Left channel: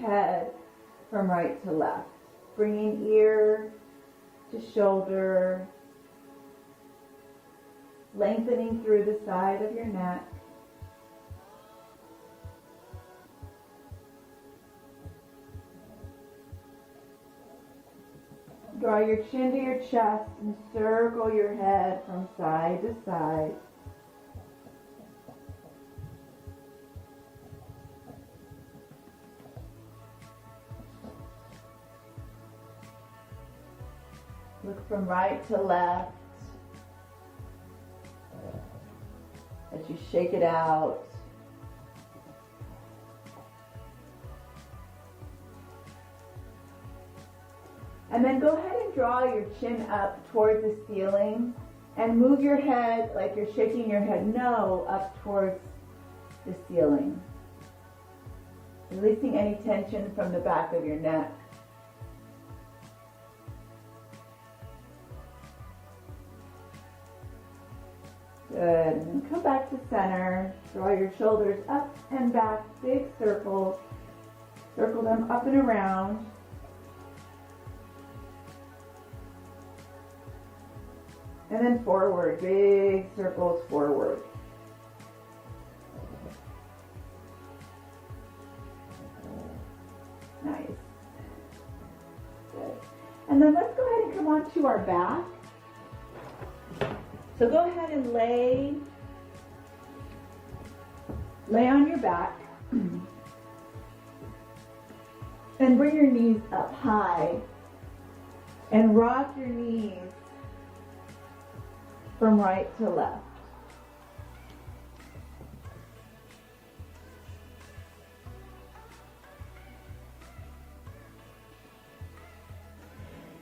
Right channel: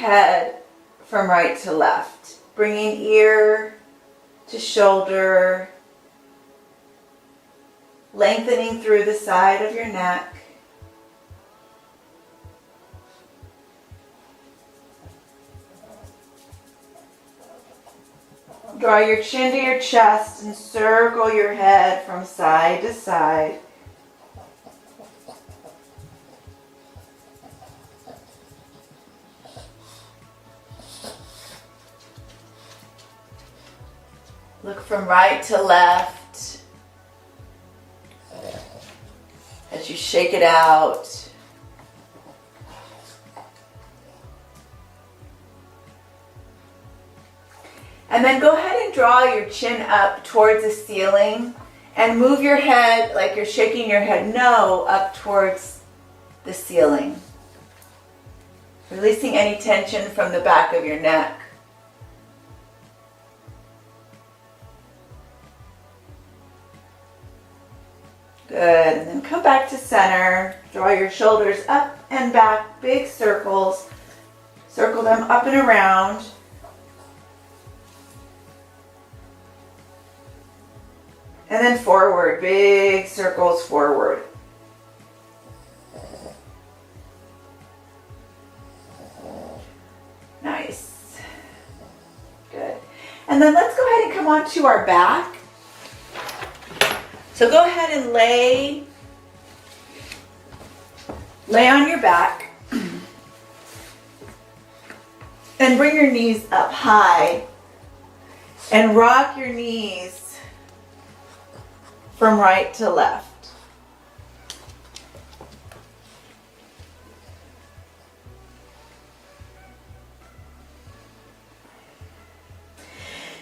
head from right to left, bringing ear to shoulder, lengthening through the side of your neck. Draw your chin to your chest and circle your head from side to side. Look from right to left as you shake it out. And then go ahead and draw your chin up towards the ceiling and move your head like you're shaking your head no up towards the ceiling. Releasing any tension from the back of your neck. Good, and then come back to center. Draw your shoulders up and back, big circles. Circle them up and around. And then forward, big circles forward. Nice. Good. And then let's go ahead and come onto our back. So go ahead and lay on your back and bring your knees up high and rock your knees from right to left.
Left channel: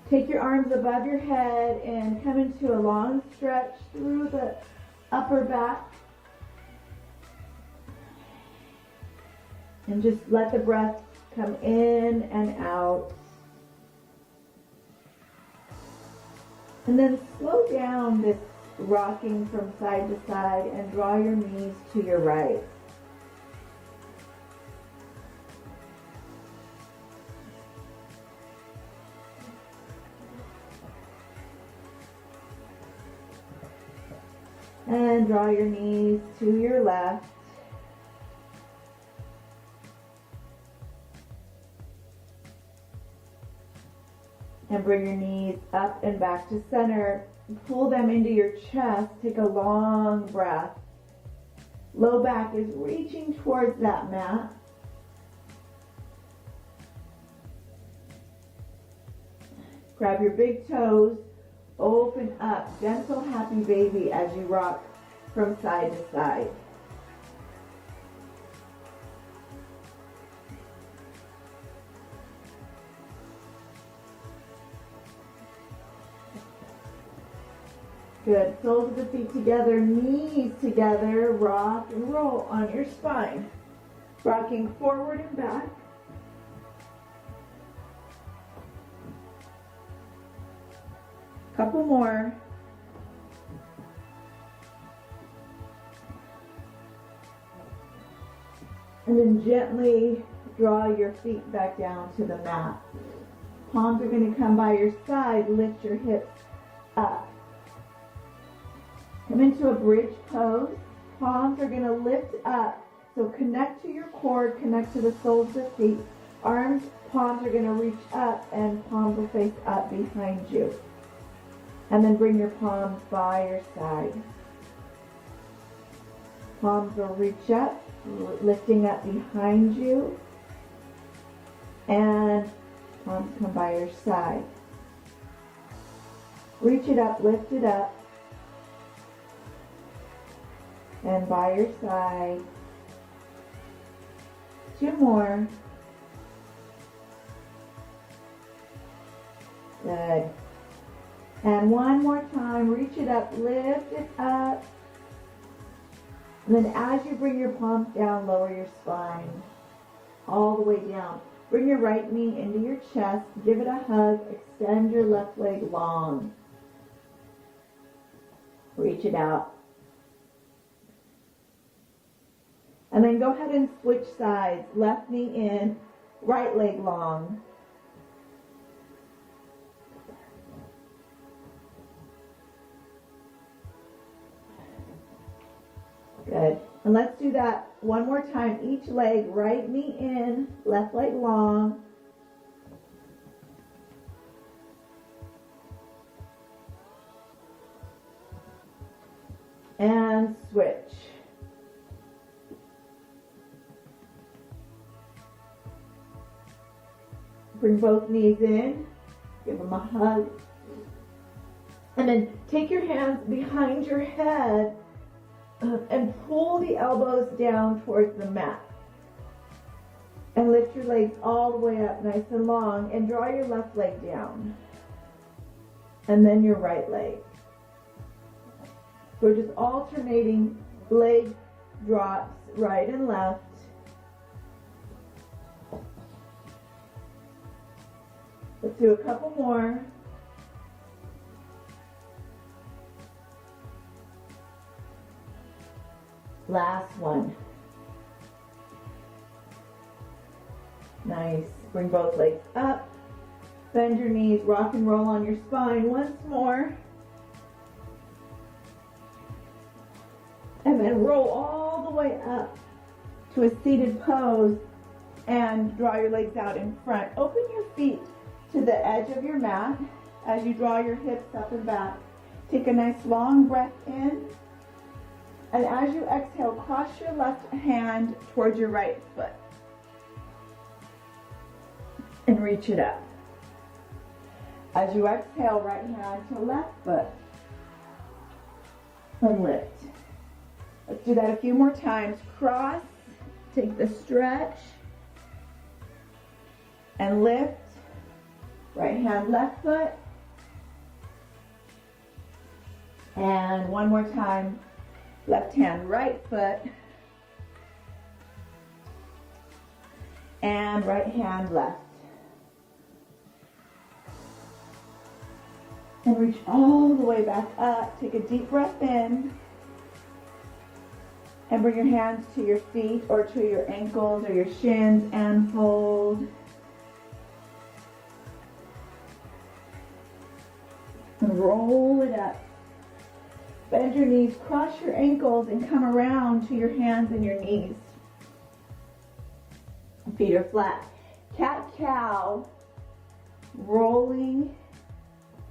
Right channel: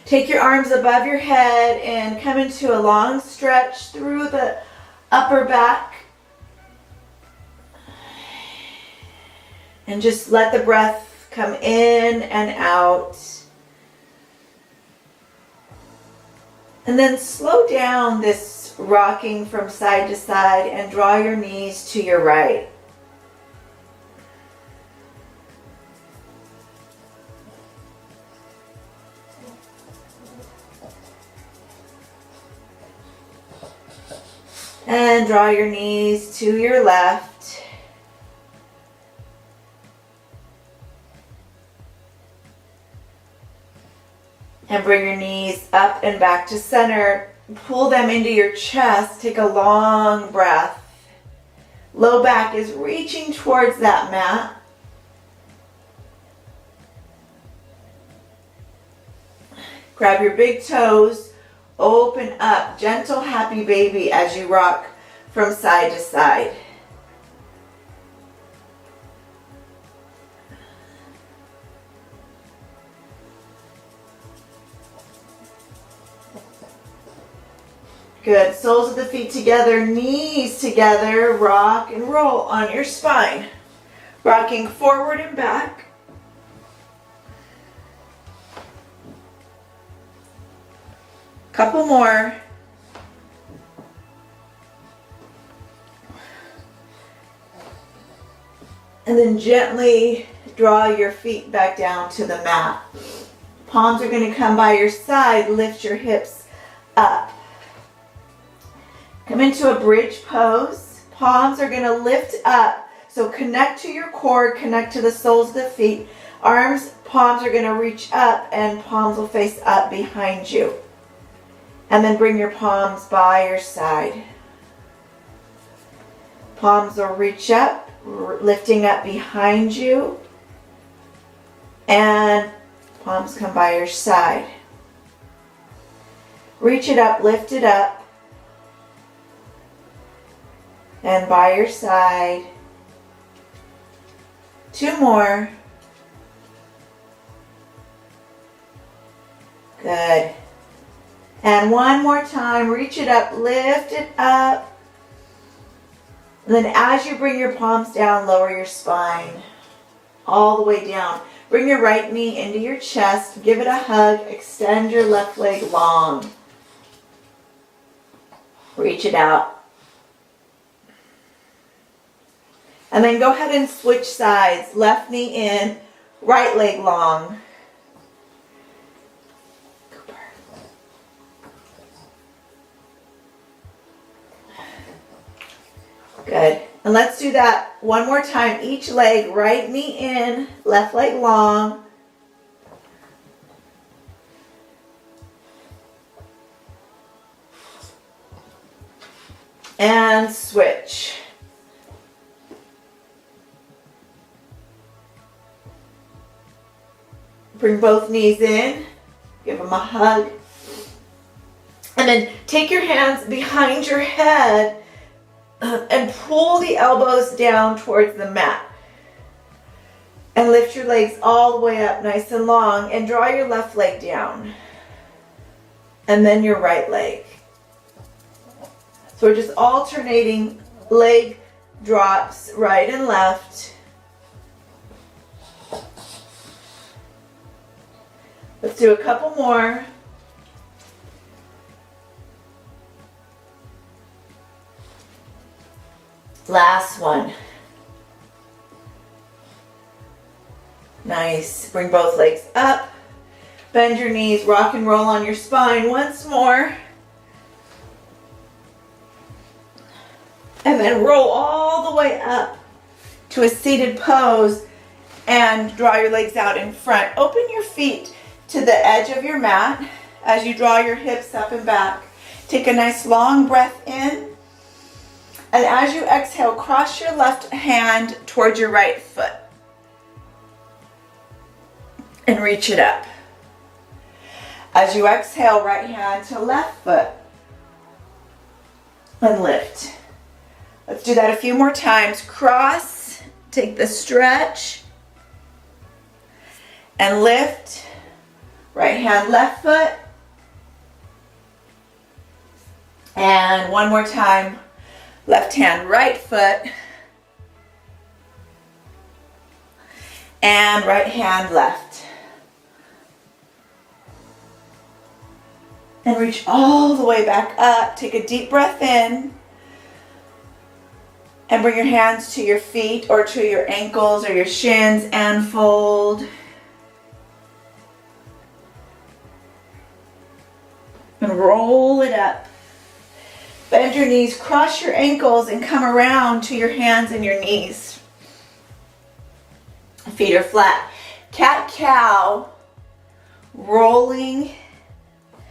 Take your arms above your head and come into a long stretch through the upper back. And just let the breath come in and out. And then slow down this rocking from side to side and draw your knees to your right. And draw your knees to your left. And bring your knees up and back to center. Pull them into your chest. Take a long breath. Low back is reaching towards that mat. Grab your big toes. Open up. Gentle, happy baby as you rock from side to side. Good. Soles of the feet together, knees together. Rock and roll on your spine. Rocking forward and back. Couple more. And then gently draw your feet back down to the mat. Palms are going to come by your side. Lift your hips up. Come into a bridge pose. Palms are going to lift up. So connect to your core, connect to the soles of the feet. Arms, palms are going to reach up and palms will face up behind you. And then bring your palms by your side. Palms will reach up, lifting up behind you. And palms come by your side. Reach it up, lift it up. And by your side. Two more. Good. And one more time, reach it up, lift it up. And then as you bring your palms down, lower your spine all the way down. Bring your right knee into your chest, give it a hug, extend your left leg long. Reach it out. And then go ahead and switch sides. Left knee in, right leg long. Good. And let's do that one more time. Each leg, right knee in, left leg long. And switch. Bring both knees in. Give them a hug. And then take your hands behind your head and pull the elbows down towards the mat. And lift your legs all the way up nice and long and draw your left leg down. And then your right leg. So we're just alternating leg drops right and left. Let's do a couple more. Last one. Nice. Bring both legs up. Bend your knees, rock and roll on your spine once more. And then roll all the way up to a seated pose and draw your legs out in front. Open your feet to the edge of your mat as you draw your hips up and back. Take a nice long breath in. And as you exhale, cross your left hand towards your right foot. And reach it up. As you exhale, right hand to left foot. And lift. Let's do that a few more times. Cross, take the stretch. And lift. Right hand, left foot. And one more time. Left hand, right foot. And right hand, left. And reach all the way back up. Take a deep breath in. And bring your hands to your feet or to your ankles or your shins and fold. And roll it up. Bend your knees, cross your ankles, and come around to your hands and your knees. Feet are flat. Cat-cow, rolling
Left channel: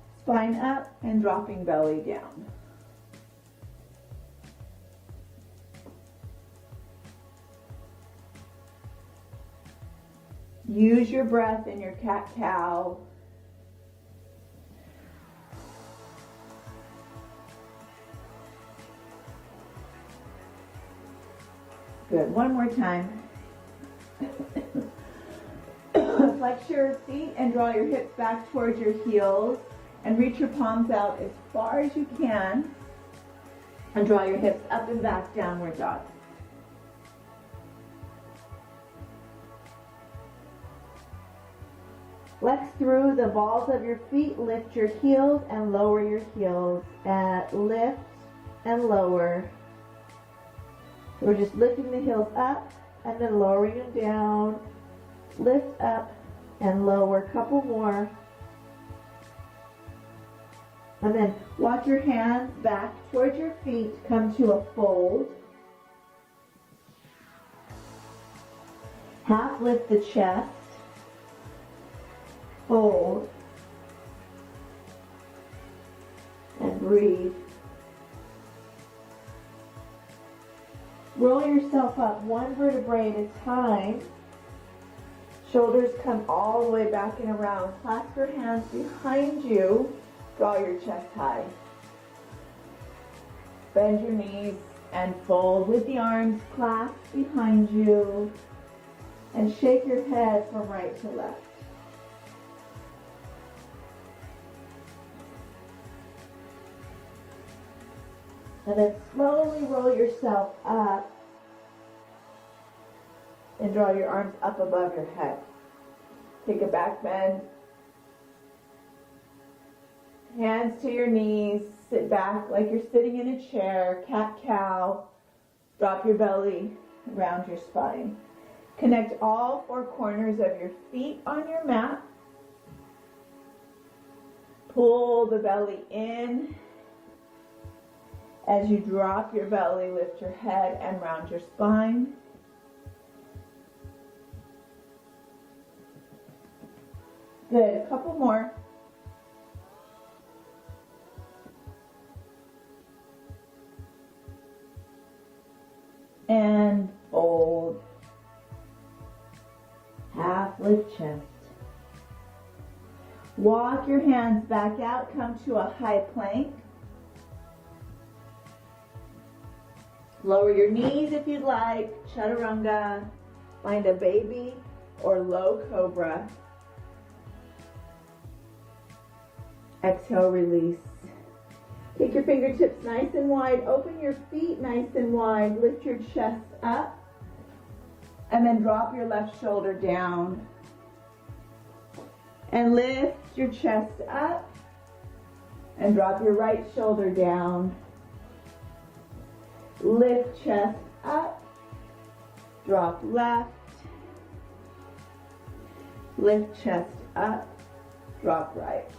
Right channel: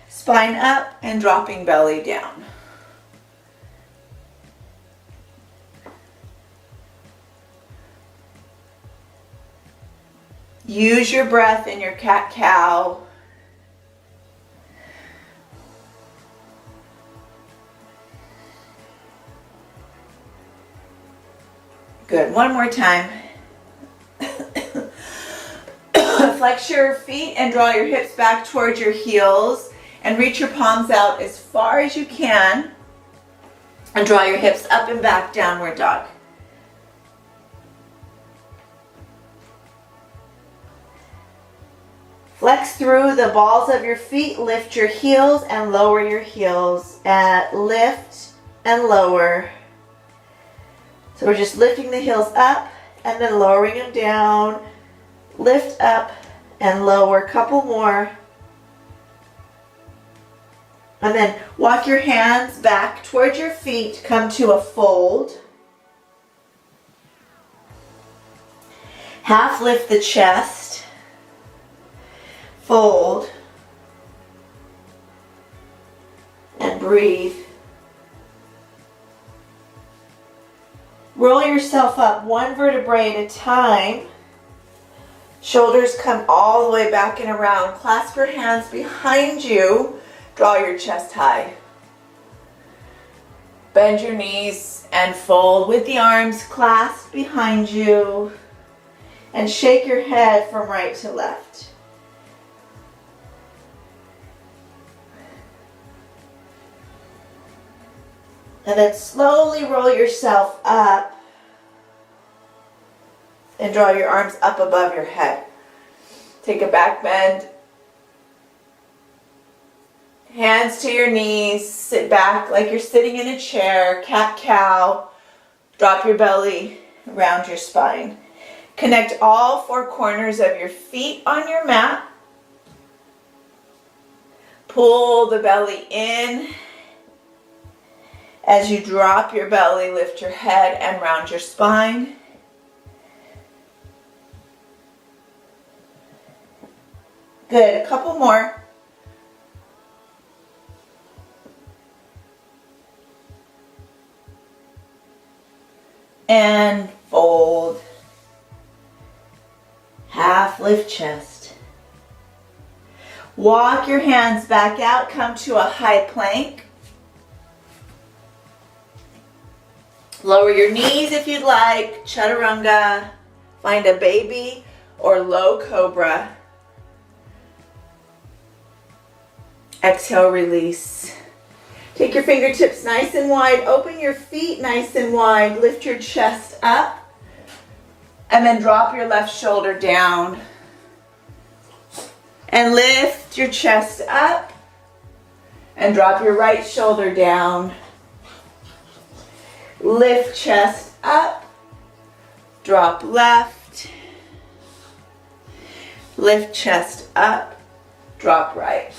spine up and dropping belly down. Use your breath in your cat-cow. Good, one more time. Flex your feet and draw your hips back towards your heels and reach your palms out as far as you can and draw your hips up and back, downward dog. Flex through the balls of your feet, lift your heels and lower your heels. Lift and lower. So we're just lifting the heels up and then lowering them down. Lift up and lower. Couple more. And then walk your hands back towards your feet. Come to a fold. Half lift the chest. Fold. And breathe. Roll yourself up one vertebrae at a time. Shoulders come all the way back and around. Clasp your hands behind you. Draw your chest high. Bend your knees and fold with the arms clasped behind you. And shake your head from right to left. And then slowly roll yourself up and draw your arms up above your head. Take a back bend. Hands to your knees. Sit back like you're sitting in a chair. Cat-cow. Drop your belly around your spine. Connect all four corners of your feet on your mat. Pull the belly in. As you drop your belly, lift your head and round your spine. Good, a couple more. And fold. Half lift chest. Walk your hands back out, come to a high plank. Lower your knees if you'd like, chaturanga. Find a baby or low cobra. Exhale, release. Take your fingertips nice and wide. Open your feet nice and wide. Lift your chest up. And then drop your left shoulder down. And lift your chest up. And drop your right shoulder down. Lift chest up. Drop left. Lift chest up. Drop right.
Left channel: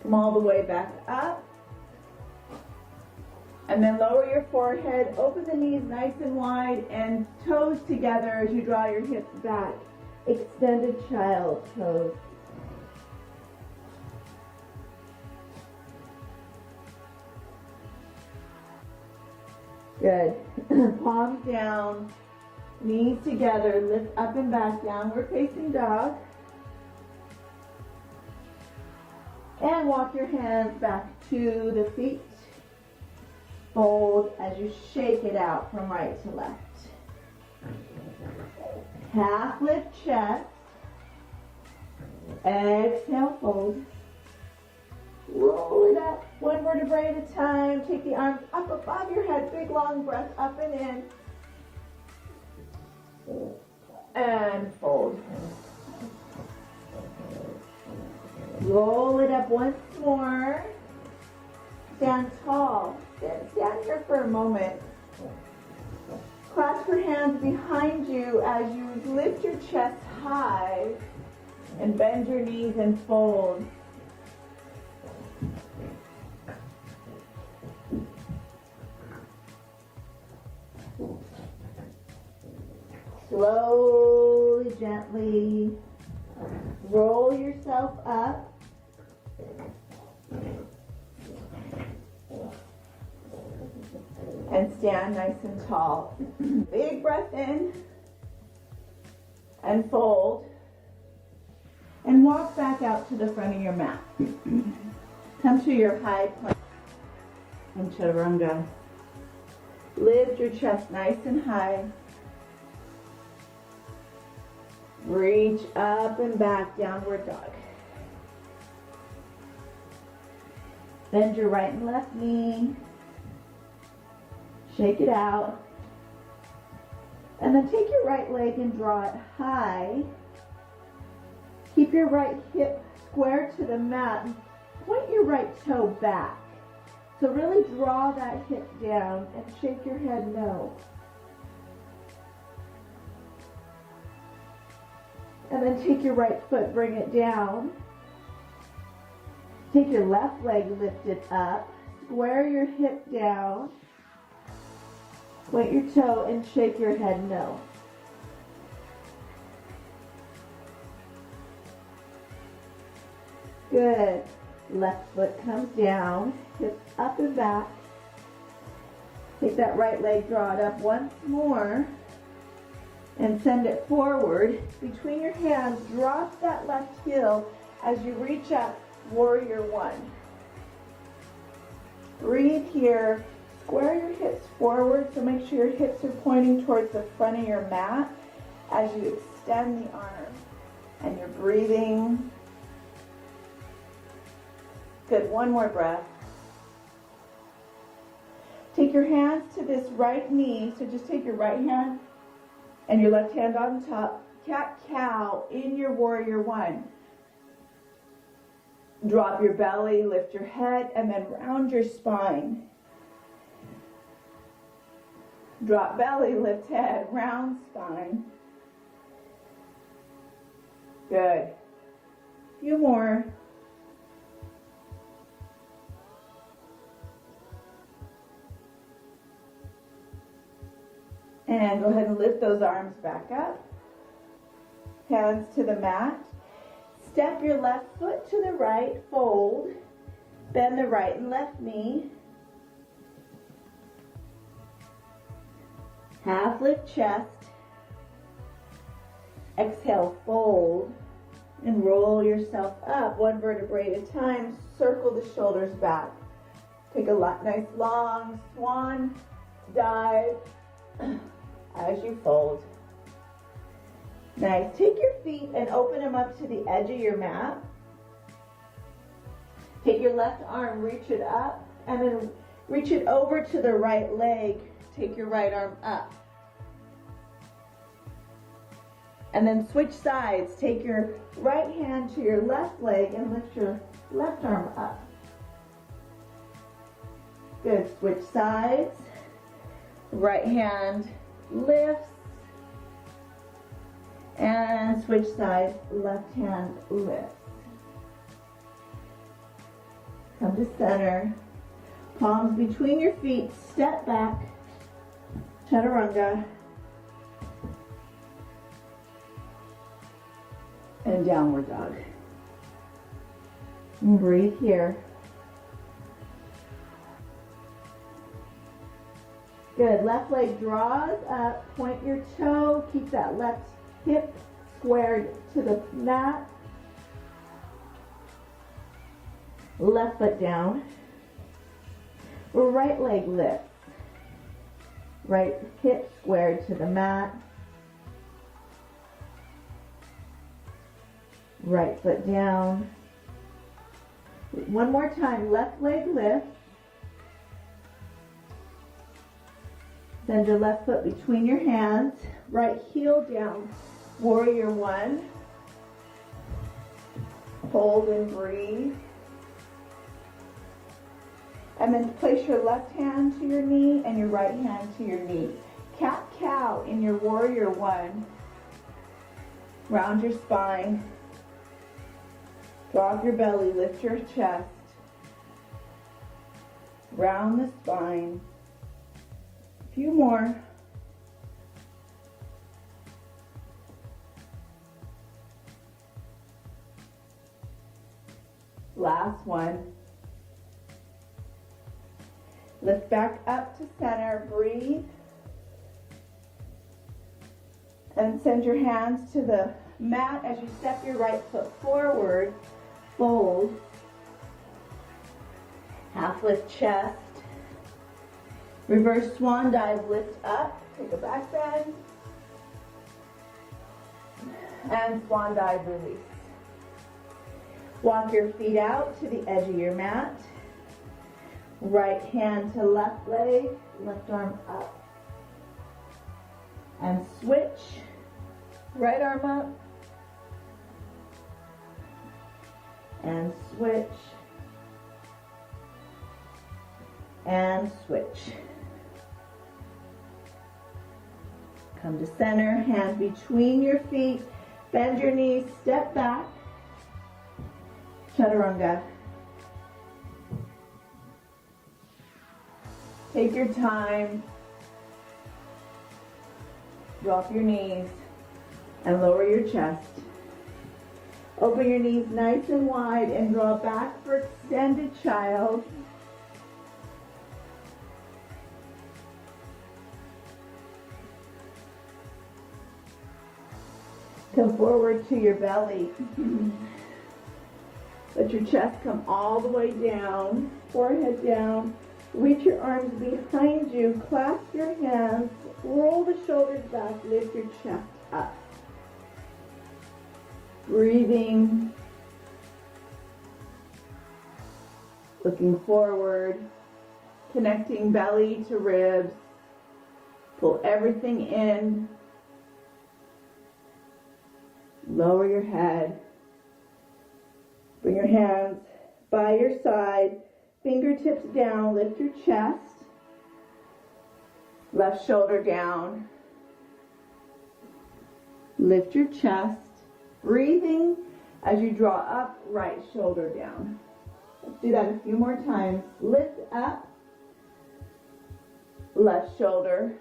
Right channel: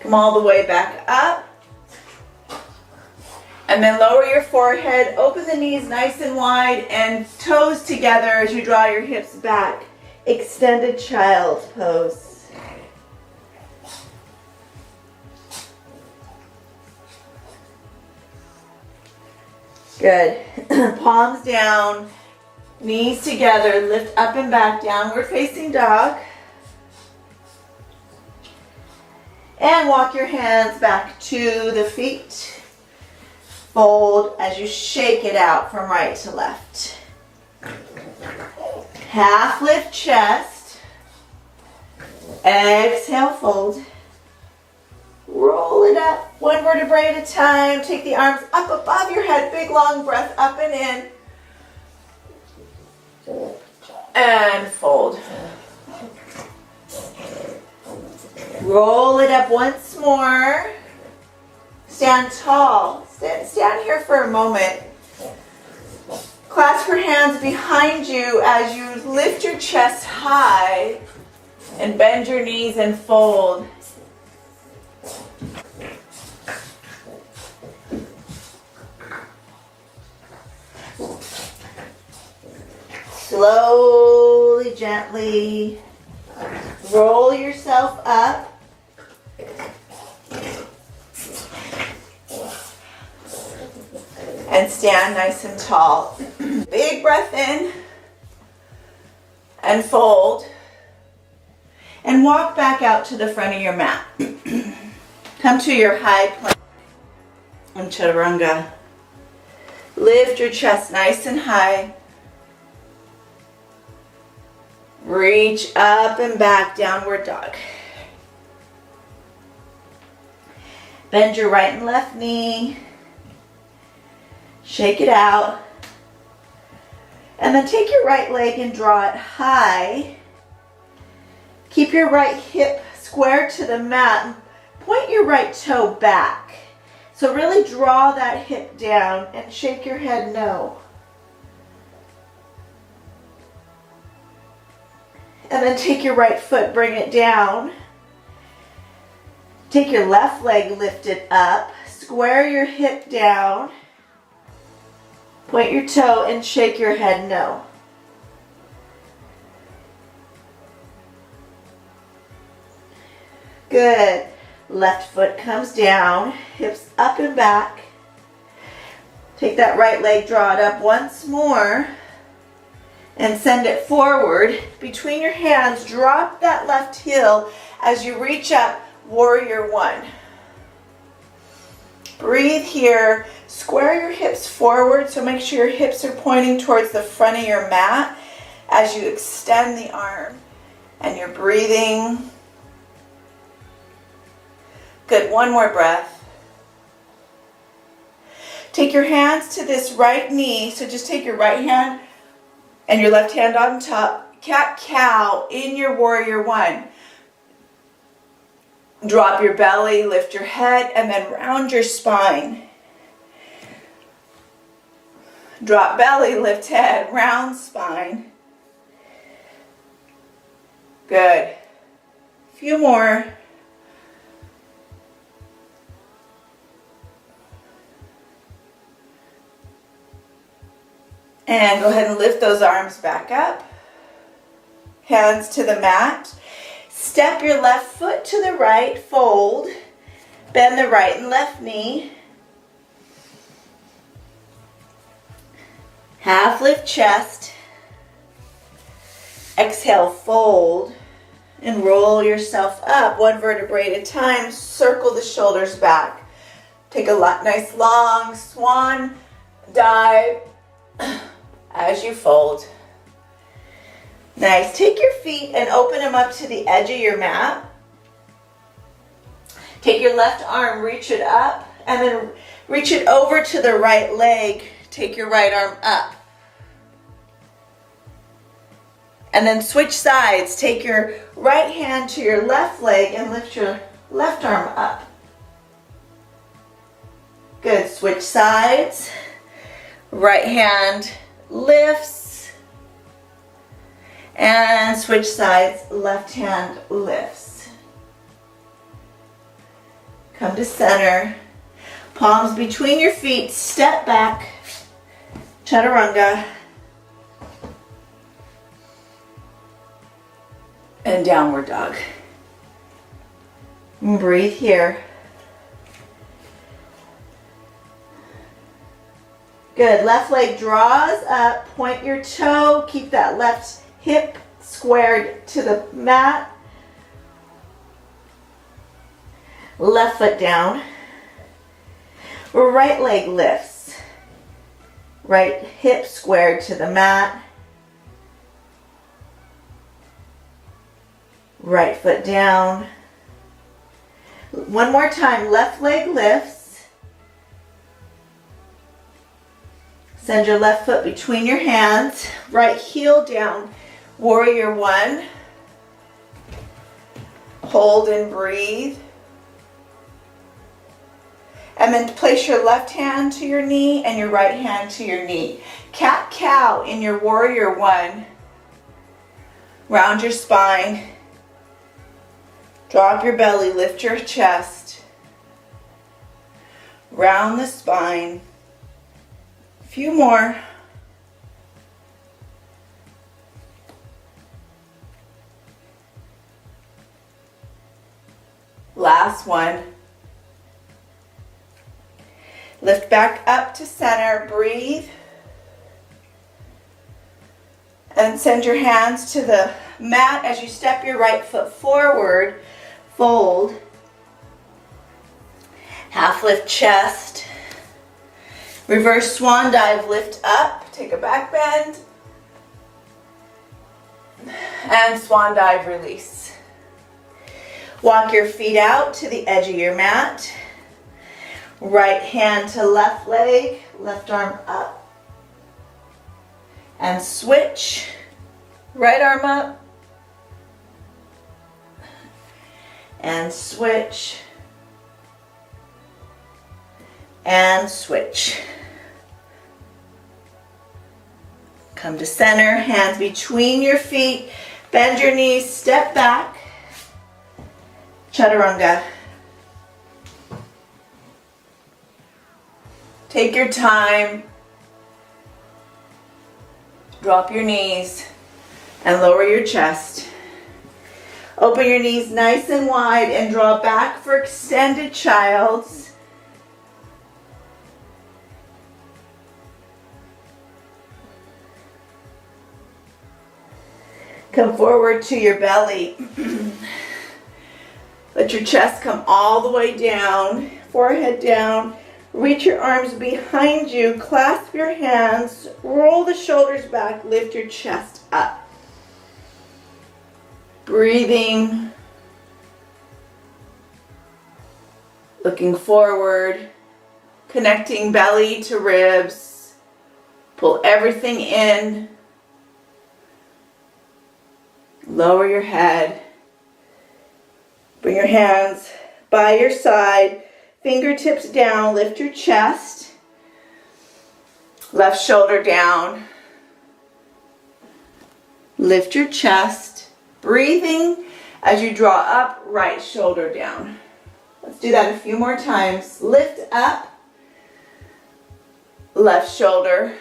Come all the way back up. And then lower your forehead, open the knees nice and wide, and toes together as you draw your hips back. Extended child's pose. Good. Palms down, knees together, lift up and back, downward facing dog. And walk your hands back to the feet. Fold as you shake it out from right to left. Half lift chest. Exhale, fold. Roll it up, one vertebrae at a time. Take the arms up above your head. Big long breath up and in. And fold. Roll it up once more. Stand tall. Stand here for a moment. Clasp your hands behind you as you lift your chest high and bend your knees and fold. Slowly, gently roll yourself up. And stand nice and tall. Big breath in and fold. And walk back out to the front of your mat. Come to your high plank and chaturanga. Lift your chest nice and high. Reach up and back, downward dog. Bend your right and left knee. Shake it out. And then take your right leg and draw it high. Keep your right hip square to the mat. Point your right toe back. So really draw that hip down and shake your head no. And then take your right foot, bring it down. Take your left leg, lift it up. Square your hip down. Point your toe and shake your head no. Good. Left foot comes down, hips up and back. Take that right leg, draw it up once more, and send it forward. Between your hands, drop that left heel as you reach up, warrior one. Breathe here. Square your hips forward, so make sure your hips are pointing towards the front of your mat as you extend the arm and you're breathing. Good, one more breath. Take your hands to this right knee, so just take your right hand and your left hand on top. Cat-cow in your warrior one. Drop your belly, lift your head, and then round your spine. Drop belly, lift head, round spine. Good. Few more. And go ahead and lift those arms back up. Hands to the mat. Step your left foot to the right, fold. Bend the right and left knee. Half lift chest. Exhale, fold. And roll yourself up, one vertebrae at a time. Circle the shoulders back. Take a nice long swan dive as you fold. Nice. Take your feet and open them up to the edge of your mat. Take your left arm, reach it up, and then reach it over to the right leg. Take your right arm up. And then switch sides. Take your right hand to your left leg and lift your left arm up. Good. Switch sides. Right hand lifts. And switch sides. Left hand lifts. Come to center. Palms between your feet. Step back. Chaturanga. And downward dog. And breathe here. Good. Left leg draws up. Point your toe. Keep that left hip squared to the mat. Left foot down. Right leg lifts. Right hip squared to the mat. Right foot down. One more time. Left leg lifts. Send your left foot between your hands. Right heel down. Warrior one. Hold and breathe. And then place your left hand to your knee and your right hand to your knee. Cat-cow in your warrior one. Round your spine. Drop your belly, lift your chest. Round the spine. A few more. Last one. Lift back up to center, breathe. And send your hands to the mat as you step your right foot forward. Fold. Half lift chest. Reverse swan dive, lift up. Take a back bend. And swan dive, release. Walk your feet out to the edge of your mat. Right hand to left leg, left arm up. And switch. Right arm up. And switch. And switch. Come to center, hands between your feet. Bend your knees, step back. Chaturanga. Take your time. Drop your knees and lower your chest. Open your knees nice and wide and draw back for extended child's. Come forward to your belly. Let your chest come all the way down, forehead down. Reach your arms behind you, clasp your hands, roll the shoulders back, lift your chest up. Breathing, looking forward, connecting belly to ribs. Pull everything in. Lower your head. Bring your hands by your side. Fingertips down, lift your chest. Left shoulder down. Lift your chest. Breathing as you draw up, right shoulder down. Let's do that a few more times. Lift up. Left shoulder.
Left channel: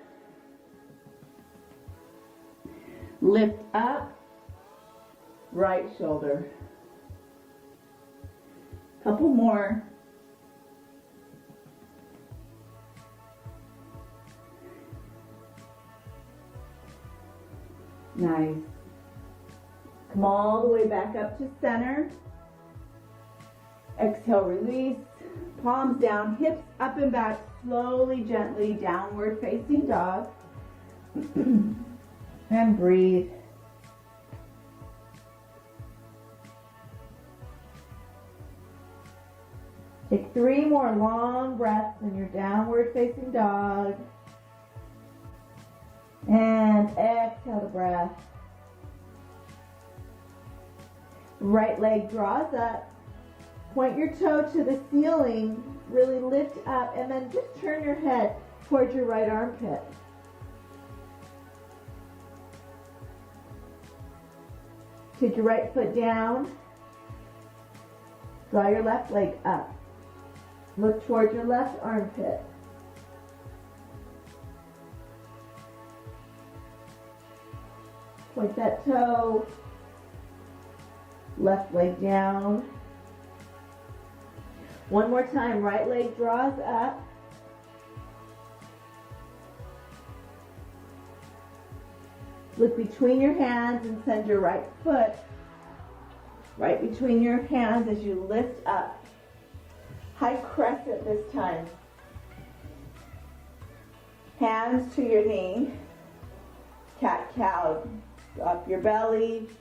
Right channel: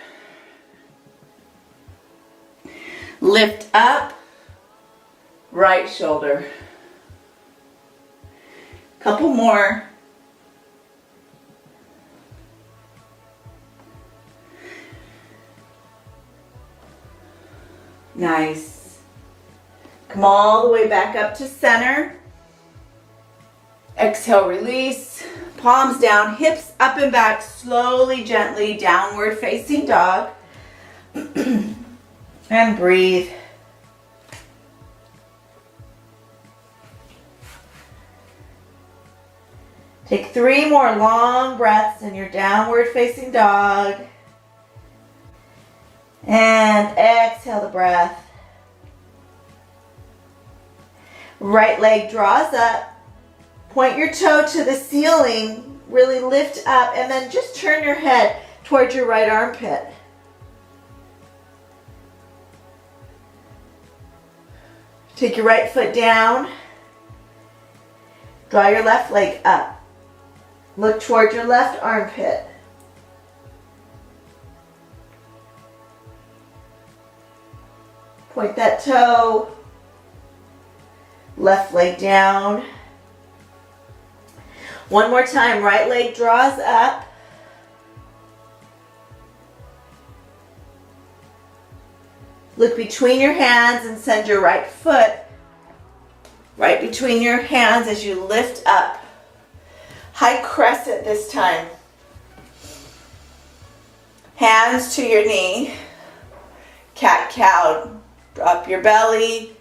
Lift up. Right shoulder. Couple more. Nice. Come all the way back up to center. Exhale, release. Palms down, hips up and back, slowly, gently, downward facing dog. And breathe. Take 3 more long breaths in your downward facing dog. And exhale the breath. Right leg draws up. Point your toe to the ceiling. Really lift up and then just turn your head towards your right armpit. Take your right foot down. Draw your left leg up. Look towards your left armpit. Point that toe. Left leg down. One more time, right leg draws up. Look between your hands and send your right foot right between your hands as you lift up. High crescent this time. Hands to your knee. Cat-cow. Drop your belly.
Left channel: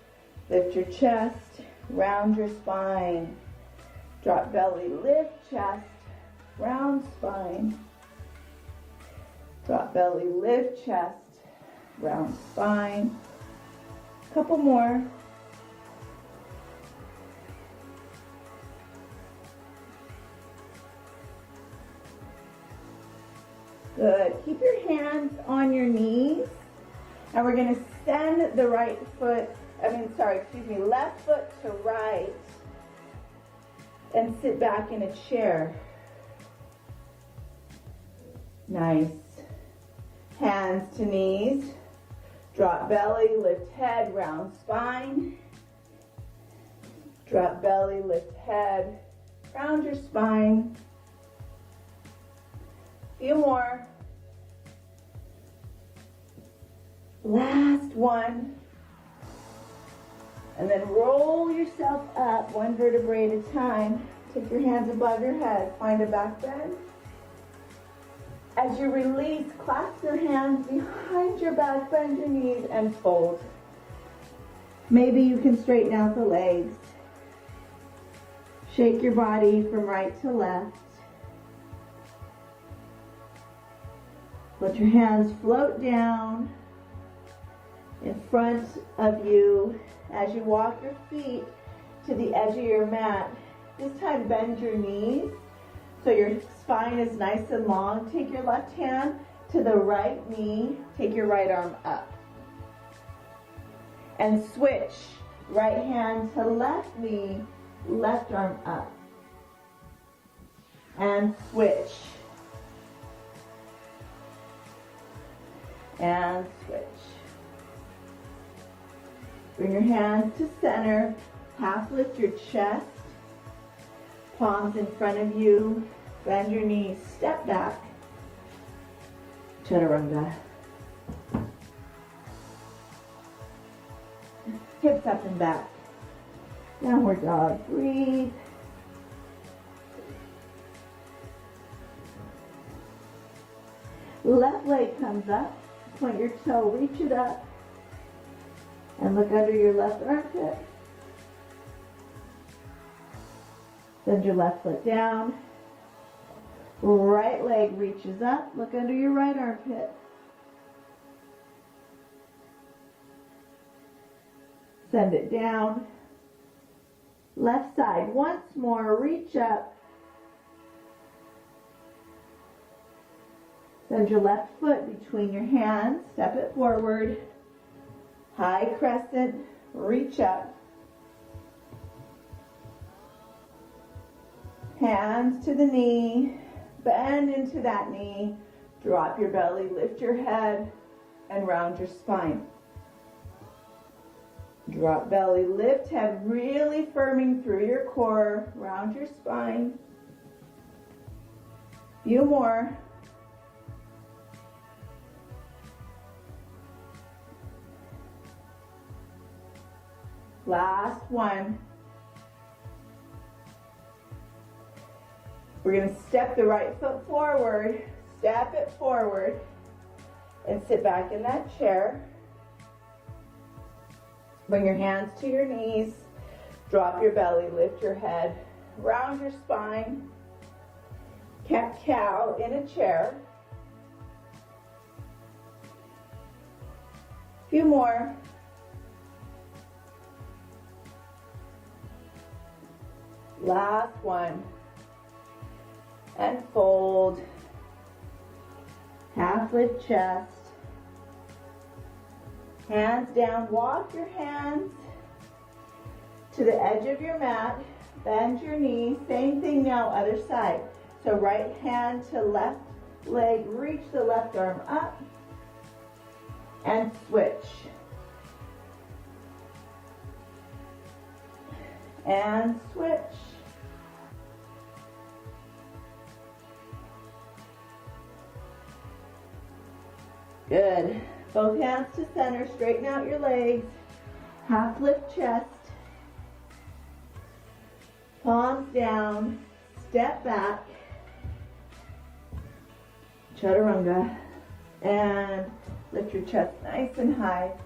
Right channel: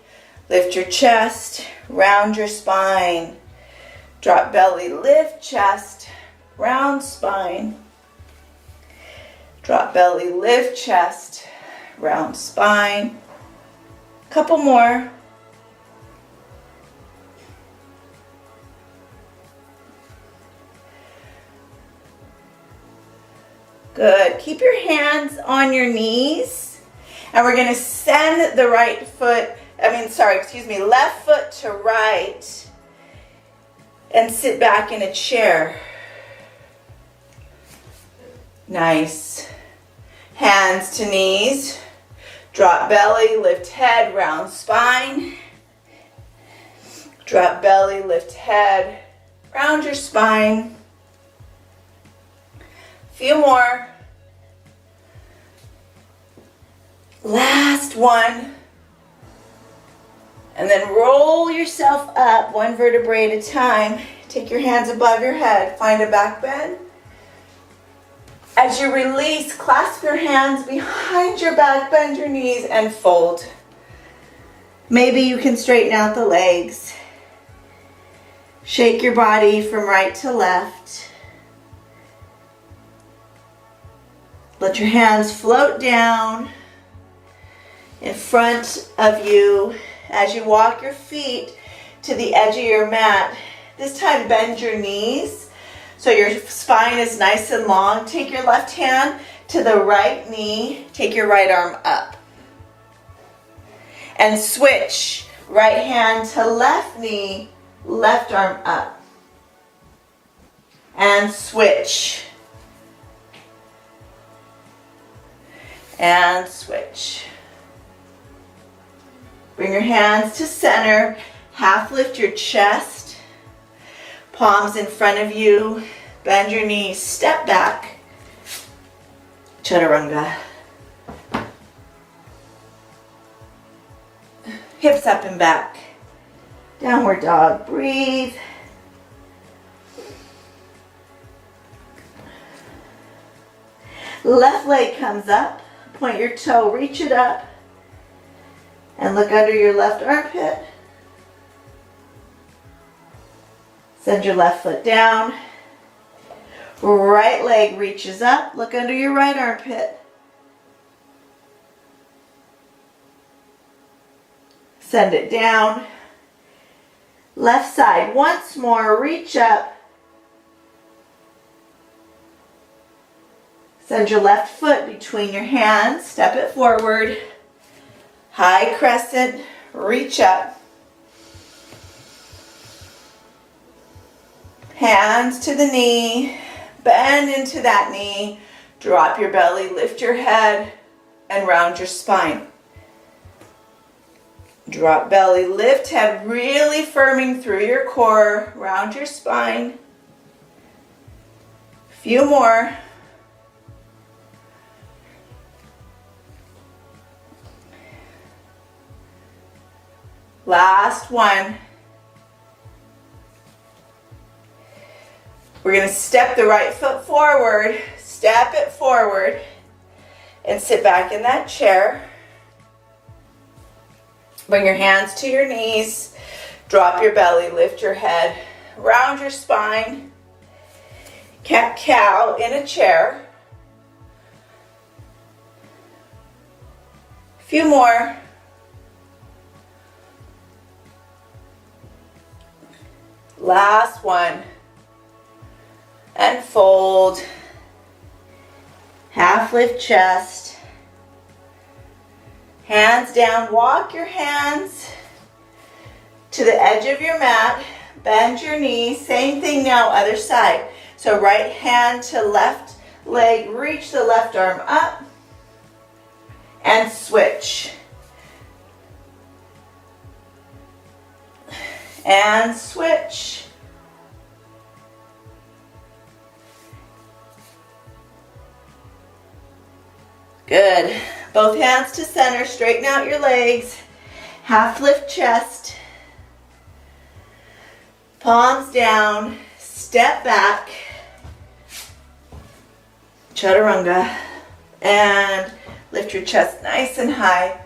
Lift your chest. Round your spine. Drop belly, lift chest. Round spine. Drop belly, lift chest. Round spine. Couple more. Good. Keep your hands on your knees. And we're going to send the left foot to right. And sit back in a chair. Nice. Hands to knees. Drop belly, lift head, round spine. Drop belly, lift head, round your spine. Few more. Last one. And then roll yourself up one vertebrae at a time. Take your hands above your head. Find a back bend. As you release, clasp your hands behind your back, bend your knees, and fold. Maybe you can straighten out the legs. Shake your body from right to left. Let your hands float down in front of you as you walk your feet to the edge of your mat. This time bend your knees so your spine is nice and long. Take your left hand to the right knee. Take your right arm up. And switch. Right hand to left knee, left arm up. And switch. And switch. Bring your hands to center. Half lift your chest. Palms in front of you. Bend your knees. Step back. Chaturanga. Hips up and back. Downward dog. Breathe. Left leg comes up. Point your toe. Reach it up. And look under your left armpit. Send your left foot down. Right leg reaches up. Look under your right armpit. Send it down. Left side. Once more. Reach up. Send your left foot between your hands, step it forward. High crescent, reach up. Hands to the knee, bend into that knee, drop your belly, lift your head, and round your spine. Drop belly, lift head, really firming through your core, round your spine. Few more. Last one. We're going to step the right foot forward, step it forward, and sit back in that chair. Bring your hands to your knees, drop your belly, lift your head, round your spine. Cat-cow in a chair. A few more. Last one. And fold. Half lift chest. Hands down. Walk your hands to the edge of your mat. Bend your knees. Same thing now, other side. So right hand to left leg. Reach the left arm up. And switch. And switch. Good. Both hands to center. Straighten out your legs. Half lift chest. Palms down. Step back. Chaturanga. And lift your chest nice and high.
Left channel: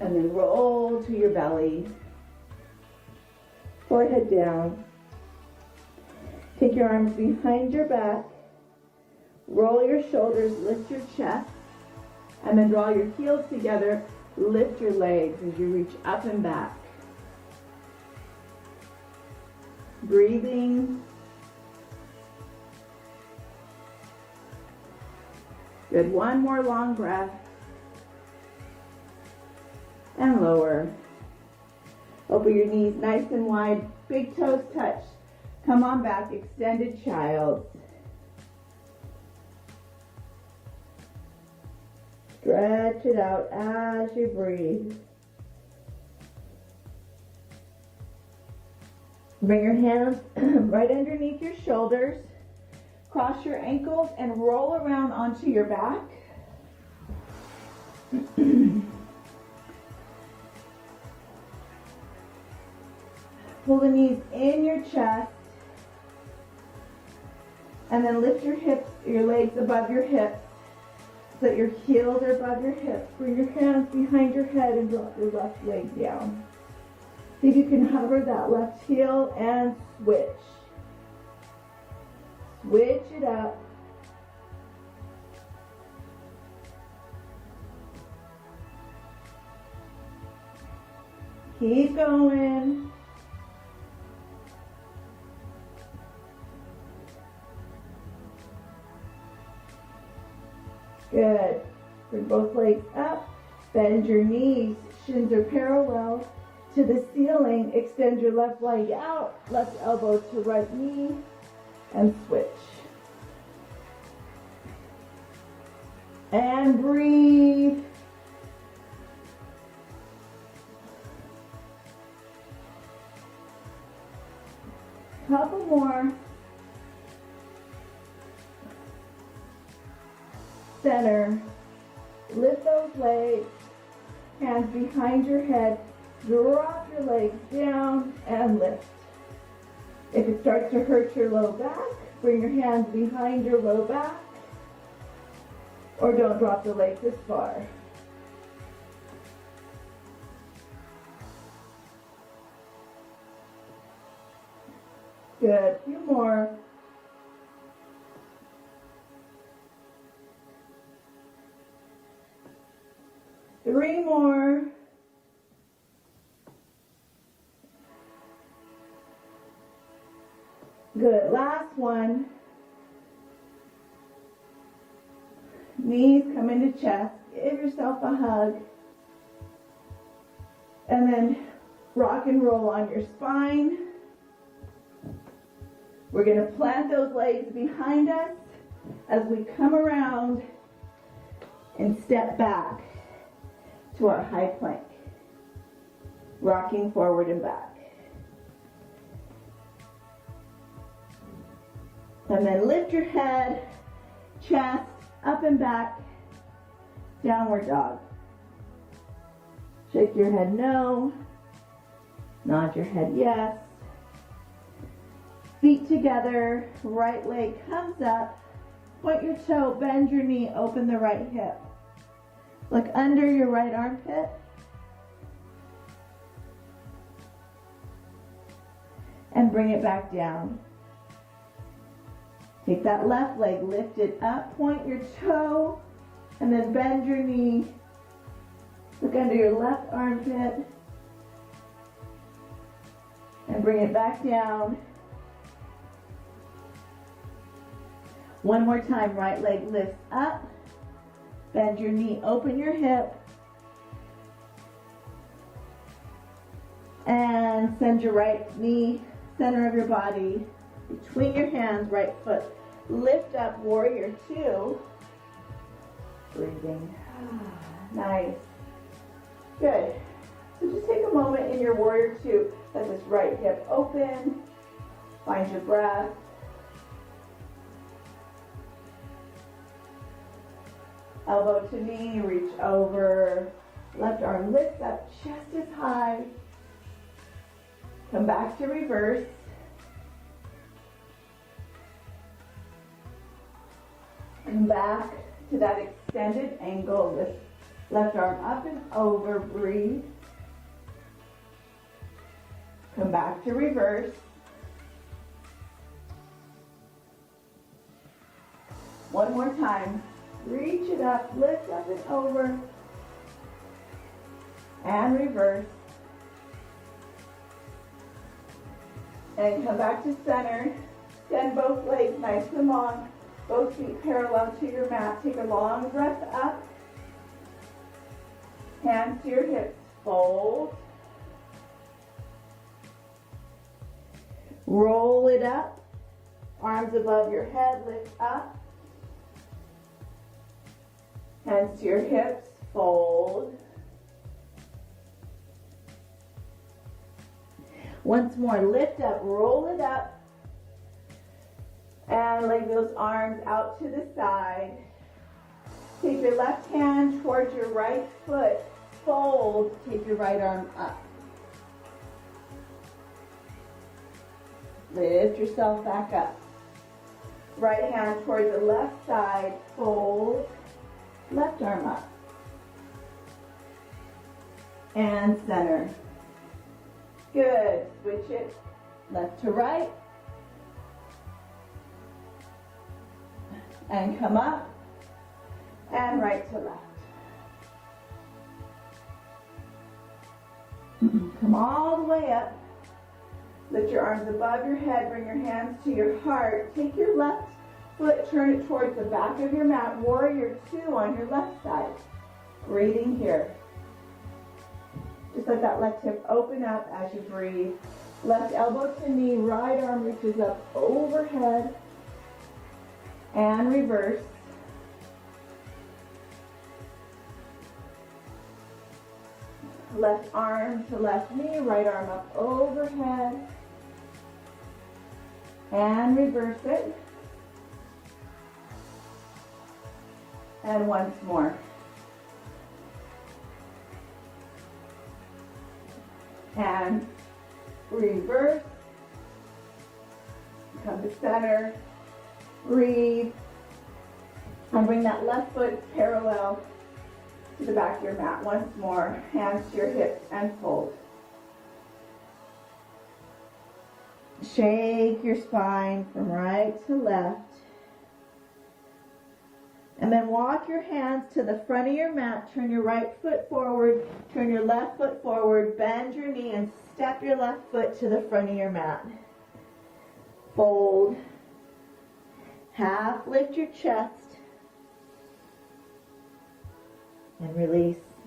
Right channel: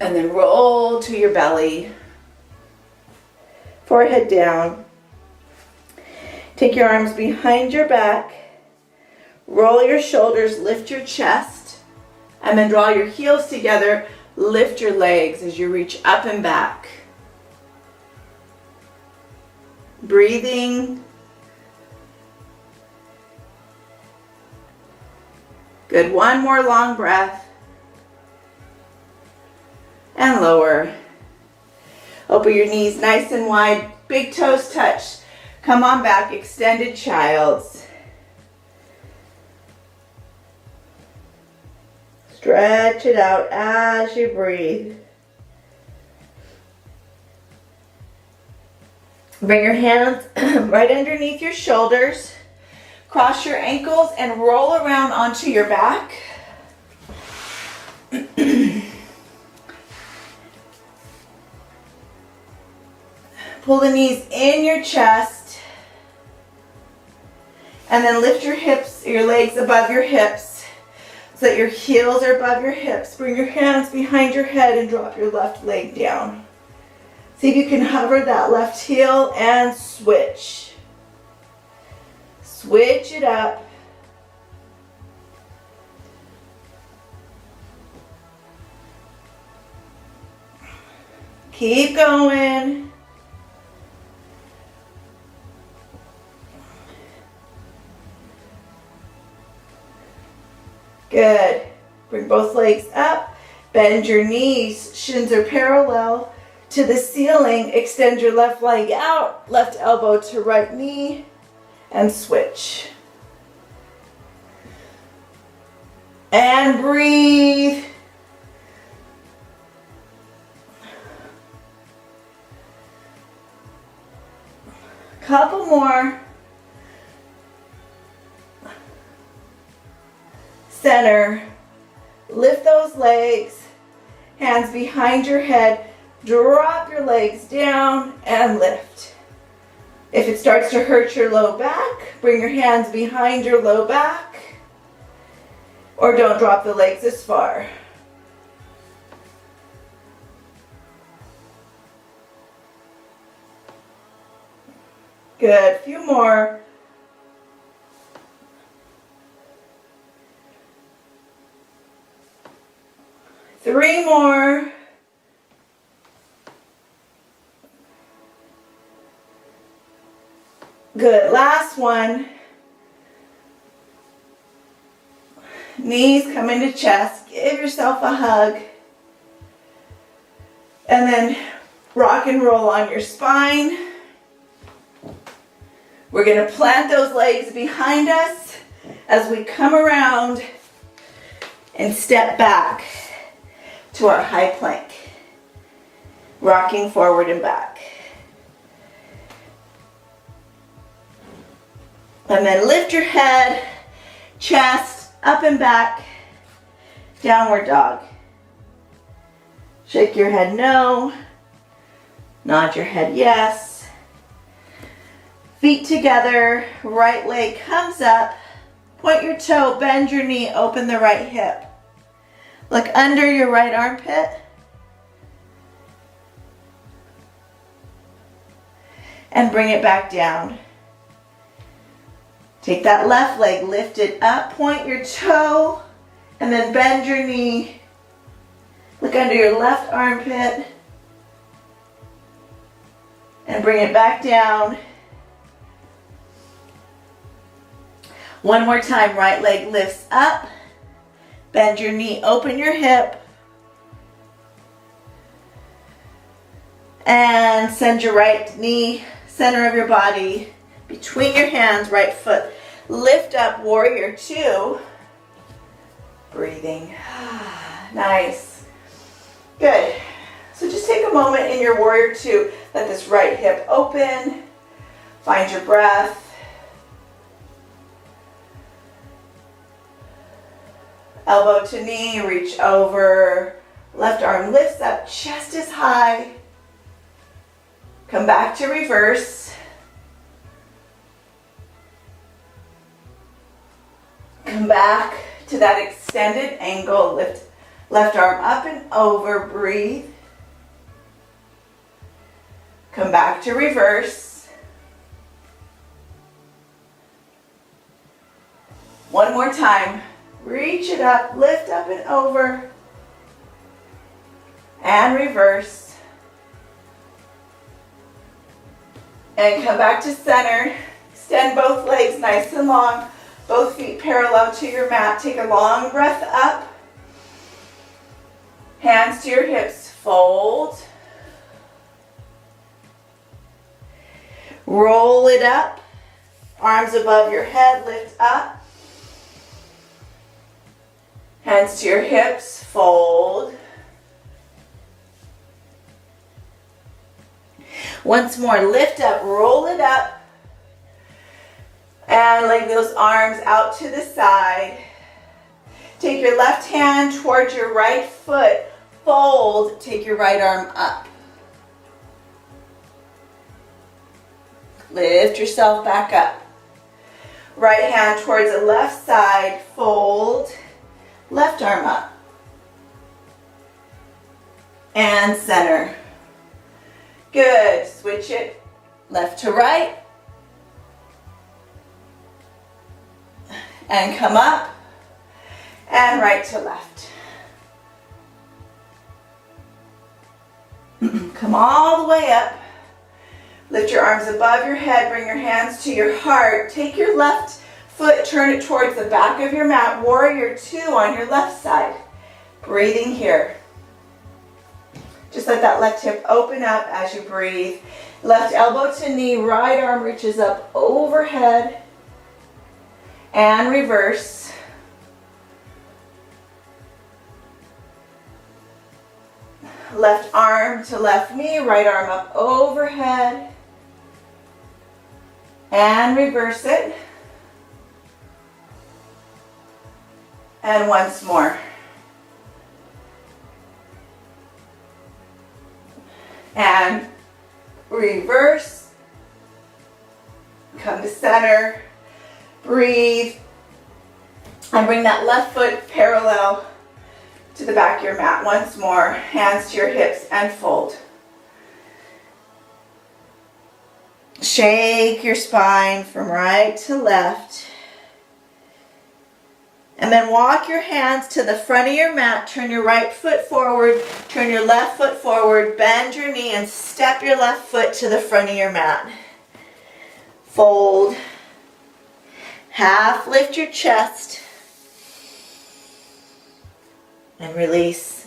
And then roll to your belly. Forehead down. Take your arms behind your back. Roll your shoulders, lift your chest, and then draw your heels together. Lift your legs as you reach up and back. Breathing. Good, one more long breath. And lower. Open your knees nice and wide, big toes touch. Come on back, extended child's. Stretch it out as you breathe. Bring your hands right underneath your shoulders. Cross your ankles and roll around onto your back. Pull the knees in your chest. And then lift your hips, your legs above your hips. So that your heels are above your hips. Bring your hands behind your head and drop your left leg down. See if you can hover that left heel and switch. Switch it up. Keep going. Good. Bring both legs up. Bend your knees. Shins are parallel to the ceiling. Extend your left leg out. Left elbow to right knee. And switch. And breathe. Couple more. Center. Lift those legs. Hands behind your head. Drop your legs down and lift. If it starts to hurt your low back, bring your hands behind your low back. Or don't drop the legs as far. Good. Few more. Three more. Good. Last one. Knees come into chest. Give yourself a hug. And then rock and roll on your spine. We're going to plant those legs behind us as we come around and step back to our high plank. Rocking forward and back. And then lift your head, chest, up and back, downward dog. Shake your head no, nod your head yes. Feet together, right leg comes up, point your toe, bend your knee, open the right hip. Look under your right armpit. And bring it back down. Take that left leg, lift it up, point your toe, and then bend your knee. Look under your left armpit. And bring it back down. One more time, right leg lifts up. Bend your knee, open your hip. And send your right knee, center of your body, between your hands, right foot. Lift up, warrior two. Breathing. Nice. Good. So just take a moment in your warrior two. Let this right hip open. Find your breath. Elbow to knee, reach over. Left arm lifts up, chest is high. Come back to reverse. Come back to that extended angle. Lift left arm up and over, breathe. Come back to reverse. One more time. Reach it up, lift up and over. And reverse. And come back to center. Extend both legs nice and long. Both feet parallel to your mat. Take a long breath up. Hands to your hips. Fold. Roll it up. Arms above your head. Lift up. Hands to your hips. Fold. Once more, lift up, roll it up, and leg those arms out to the side. Take your left hand towards your right foot, fold, take your right arm up. Lift yourself back up. Right hand towards the left side, fold, left arm up. And center. Good. Switch it left to right. And come up. And right to left. Come all the way up. Lift your arms above your head. Bring your hands to your heart. Take your left foot, turn it towards the back of your mat. Warrior two on your left side. Breathing here. Just let that left hip open up as you breathe. Left elbow to knee, right arm reaches up overhead. And reverse. Left arm to left knee, right arm up overhead. And reverse it. And once more. And reverse. Come to center. Breathe. And bring that left foot parallel to the back of your mat. Once more. Hands to your hips and fold. Shake your spine from right to left. And then walk your hands to the front of your mat. Turn your right foot forward. Turn your left foot forward. Bend your knee and step your left foot to the front of your mat. Fold. Half lift your chest. And release.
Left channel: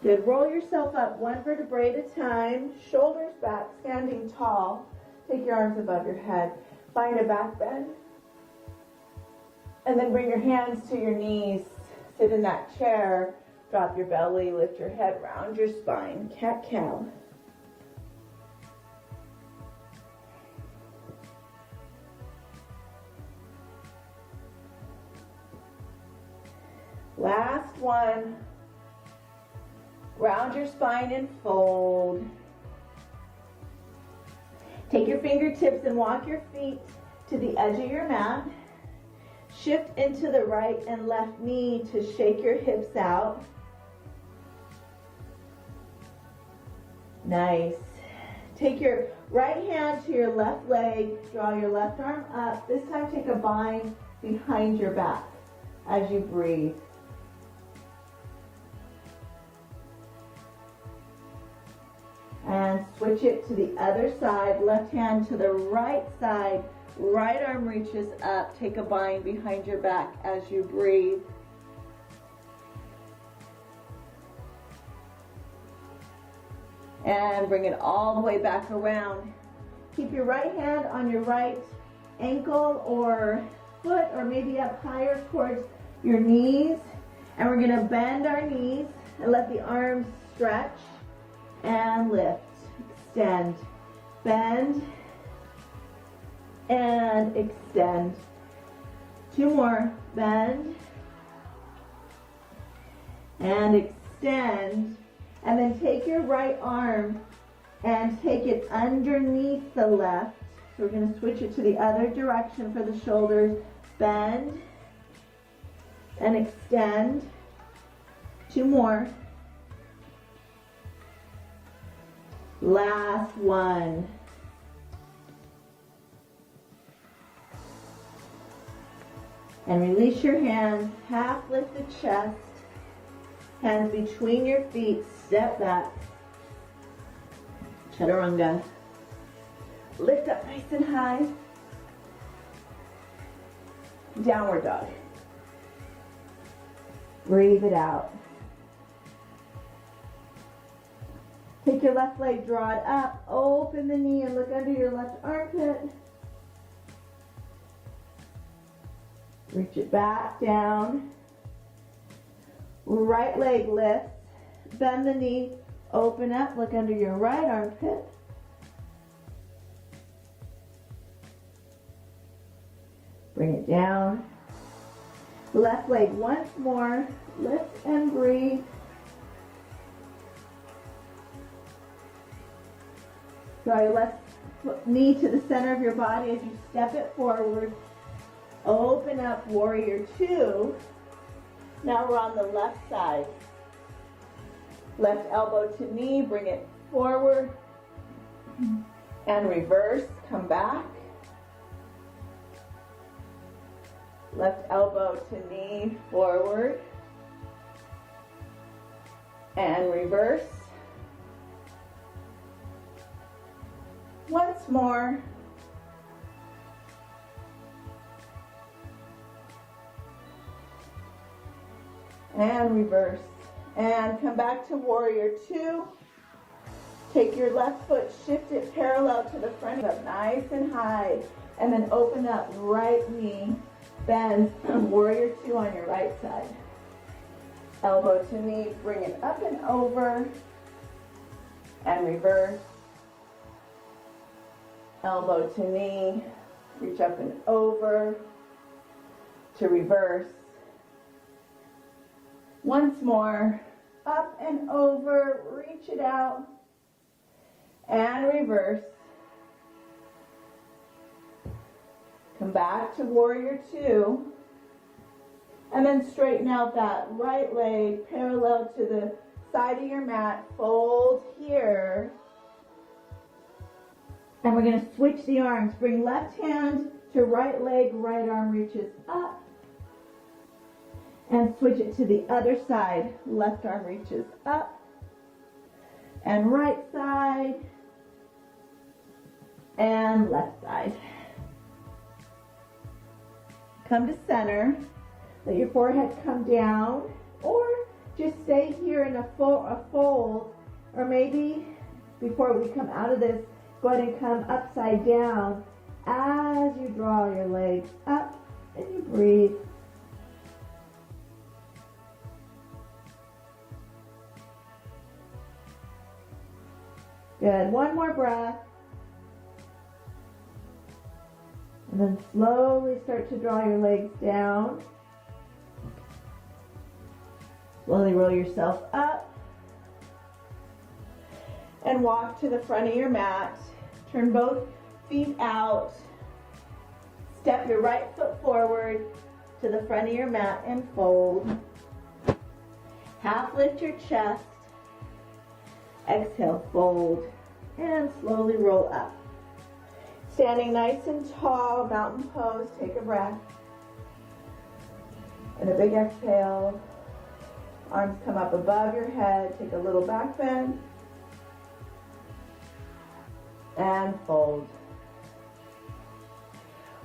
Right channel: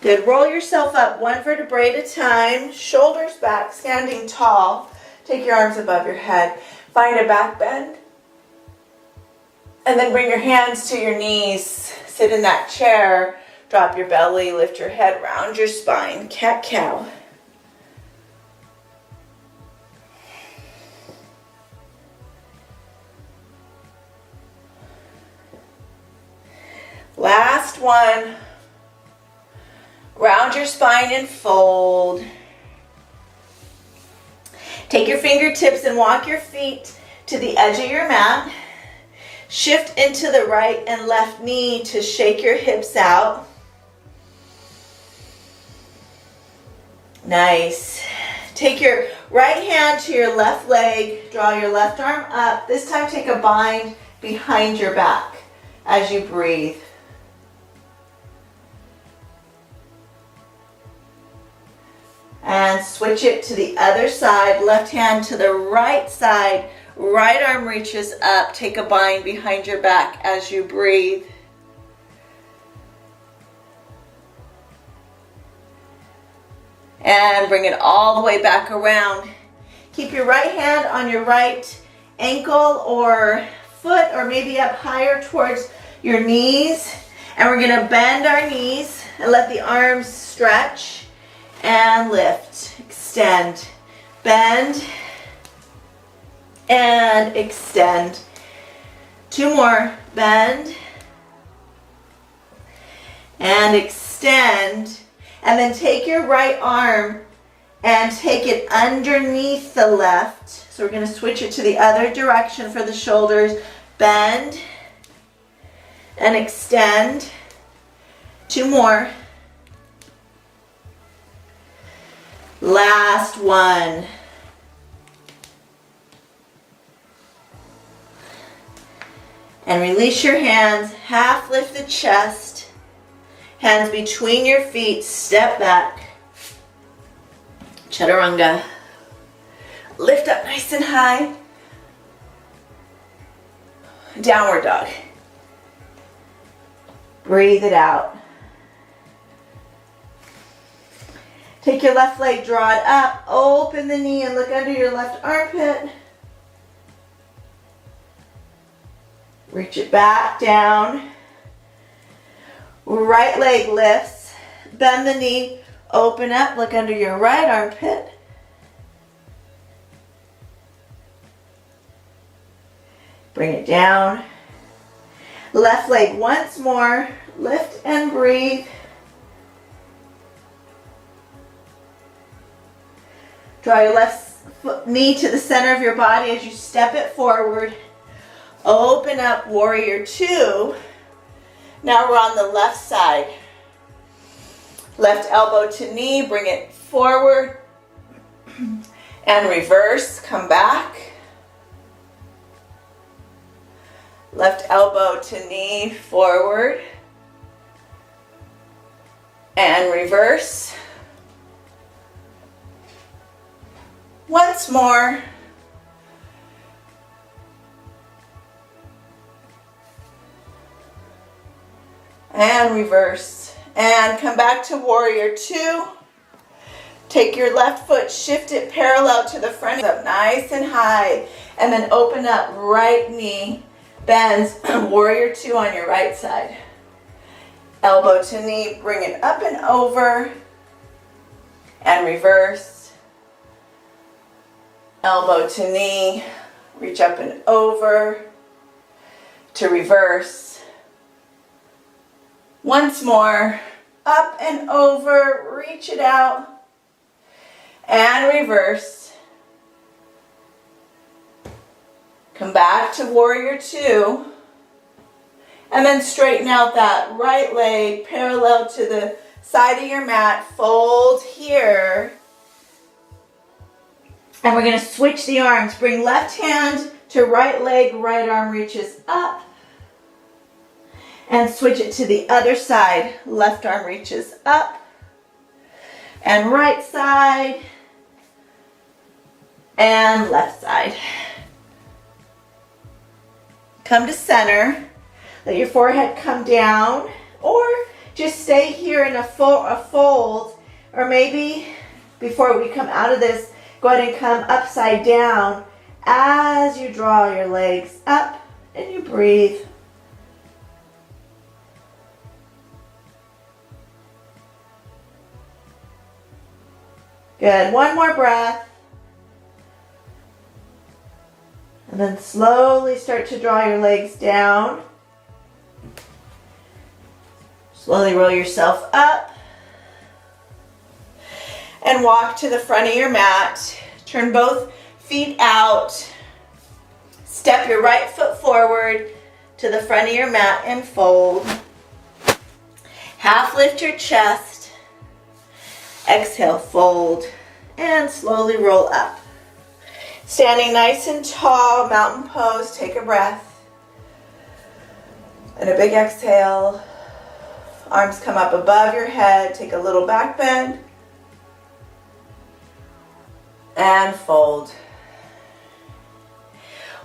Good. Roll yourself up one vertebrae at a time. Shoulders back, standing tall. Take your arms above your head. Find a back bend. And then bring your hands to your knees. Sit in that chair. Drop your belly. Lift your head. Round your spine. Cat-cow. Last one. Round your spine and fold. Take your fingertips and walk your feet to the edge of your mat. Shift into the right and left knee to shake your hips out. Nice. Take your right hand to your left leg. Draw your left arm up. This time take a bind behind your back as you breathe. And switch it to the other side. Left hand to the right side. Right arm reaches up. Take a bind behind your back as you breathe. And bring it all the way back around. Keep your right hand on your right ankle or foot, or maybe up higher towards your knees. And we're gonna bend our knees and let the arms stretch. And lift, extend, bend, and extend. Two more, bend, and extend. And then take your right arm and take it underneath the left. So we're gonna switch it to the other direction for the shoulders. Bend, and extend. Two more. Last one. And release your hands. Half lift the chest. Hands between your feet. Step back. Chaturanga. Lift up nice and high. Downward dog. Breathe it out. Take your left leg, draw it up, open the knee and look under your left armpit. Reach it back down. Right leg lifts, bend the knee, open up, look under your right armpit. Bring it down. Left leg once more, lift and breathe. Draw your left knee to the center of your body as you step it forward. Open up, warrior two. Now we're on the left side. Left elbow to knee, bring it forward. And reverse, come back. Left elbow to knee, forward. And reverse. Once more. And reverse. And come back to warrior two. Take your left foot, shift it parallel to the front, up nice and high. And then open up, right knee bends, warrior two on your right side. Elbow to knee, bring it up and over. And reverse. Elbow to knee, reach up and over to reverse. Once more, up and over, reach it out and reverse. Come back to warrior two and then straighten out that right leg parallel to the side of your mat. Fold here. And we're going to switch the arms. Bring left hand to right leg, right arm reaches up. And switch it to the other side. Left arm reaches up. And right side. And left side. Come to center. Let your forehead come down. or just stay here in a fold, or maybe before we come out of this, go ahead and come upside down as you draw your legs up and you breathe. Good. One more breath. And then slowly start to draw your legs down. Slowly roll yourself up. And walk to the front of your mat. Turn both feet out. Step your right foot forward to the front of your mat and fold. Half lift your chest. Exhale, fold, and slowly roll up. Standing nice and tall, mountain pose, take a breath. And a big exhale. Arms come up above your head, take a little back bend. And fold.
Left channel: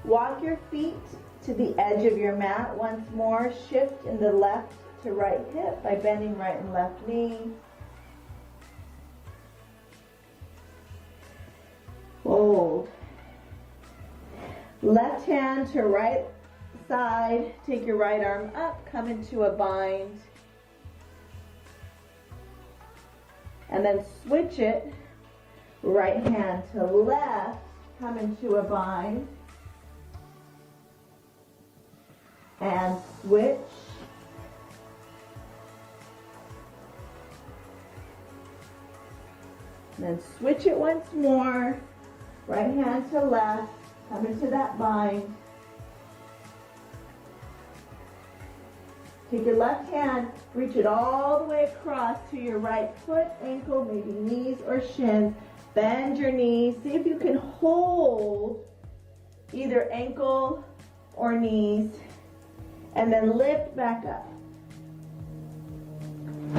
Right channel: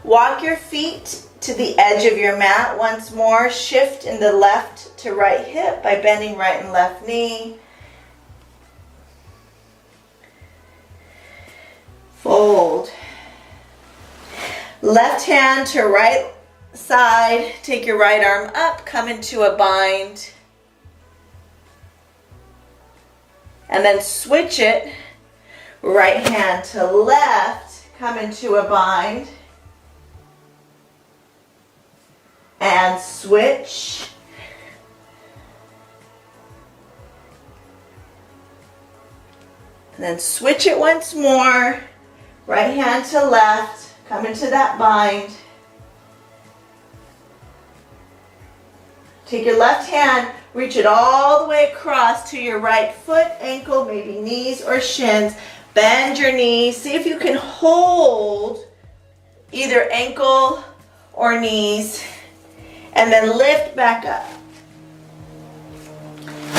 Walk your feet to the edge of your mat once more. Shift in the left to right hip by bending right and left knee. Fold. Left hand to right side. Take your right arm up. Come into a bind. And then switch it. Right hand to left. Come into a bind. And switch. And then switch it once more. Right hand to left, come into that bind. Take your left hand, reach it all the way across to your right foot, ankle, maybe knees or shins. Bend your knees. See if you can hold either ankle or knees. And then lift back up.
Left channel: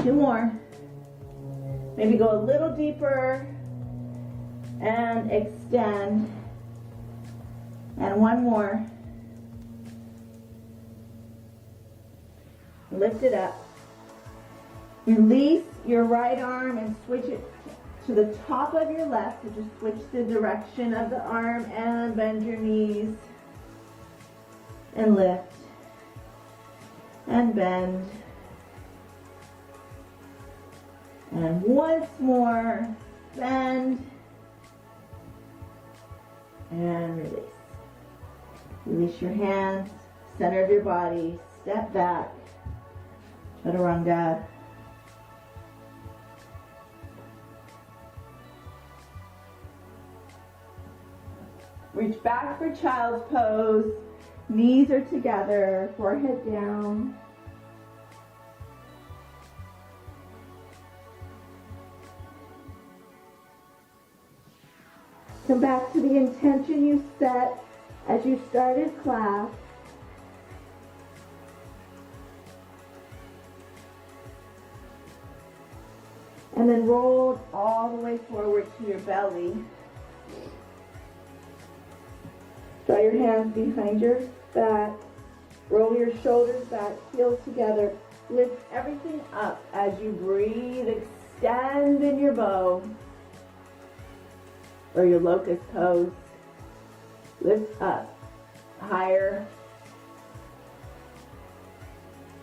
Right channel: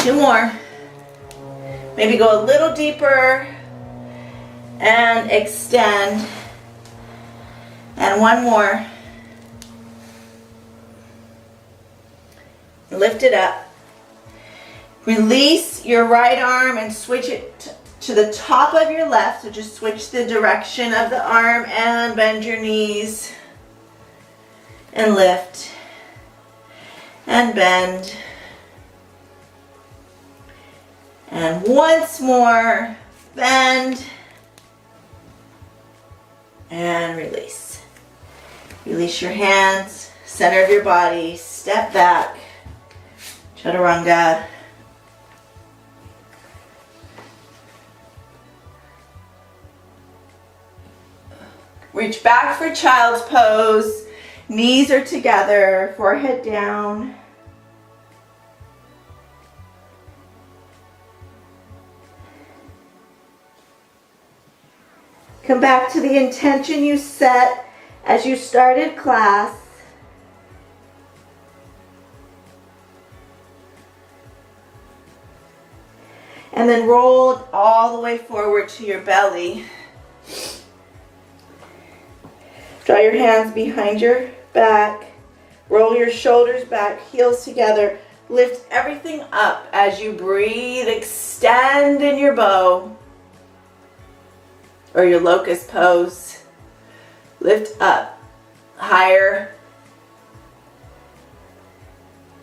2 more. Maybe go a little deeper. And extend. And 1 more. Lift it up. Release your right arm and switch it to the top of your left. So just switch the direction of the arm and bend your knees. And lift. And bend. And once more, bend. And release. Release your hands, center of your body, step back, chaturanga. Reach back for child's pose. Knees are together, forehead down. Come back to the intention you set as you started class. And then roll all the way forward to your belly. Draw your hands behind your back. Roll your shoulders back, heels together. Lift everything up as you breathe. Extend in your bow. Or your locust pose. Lift up, higher.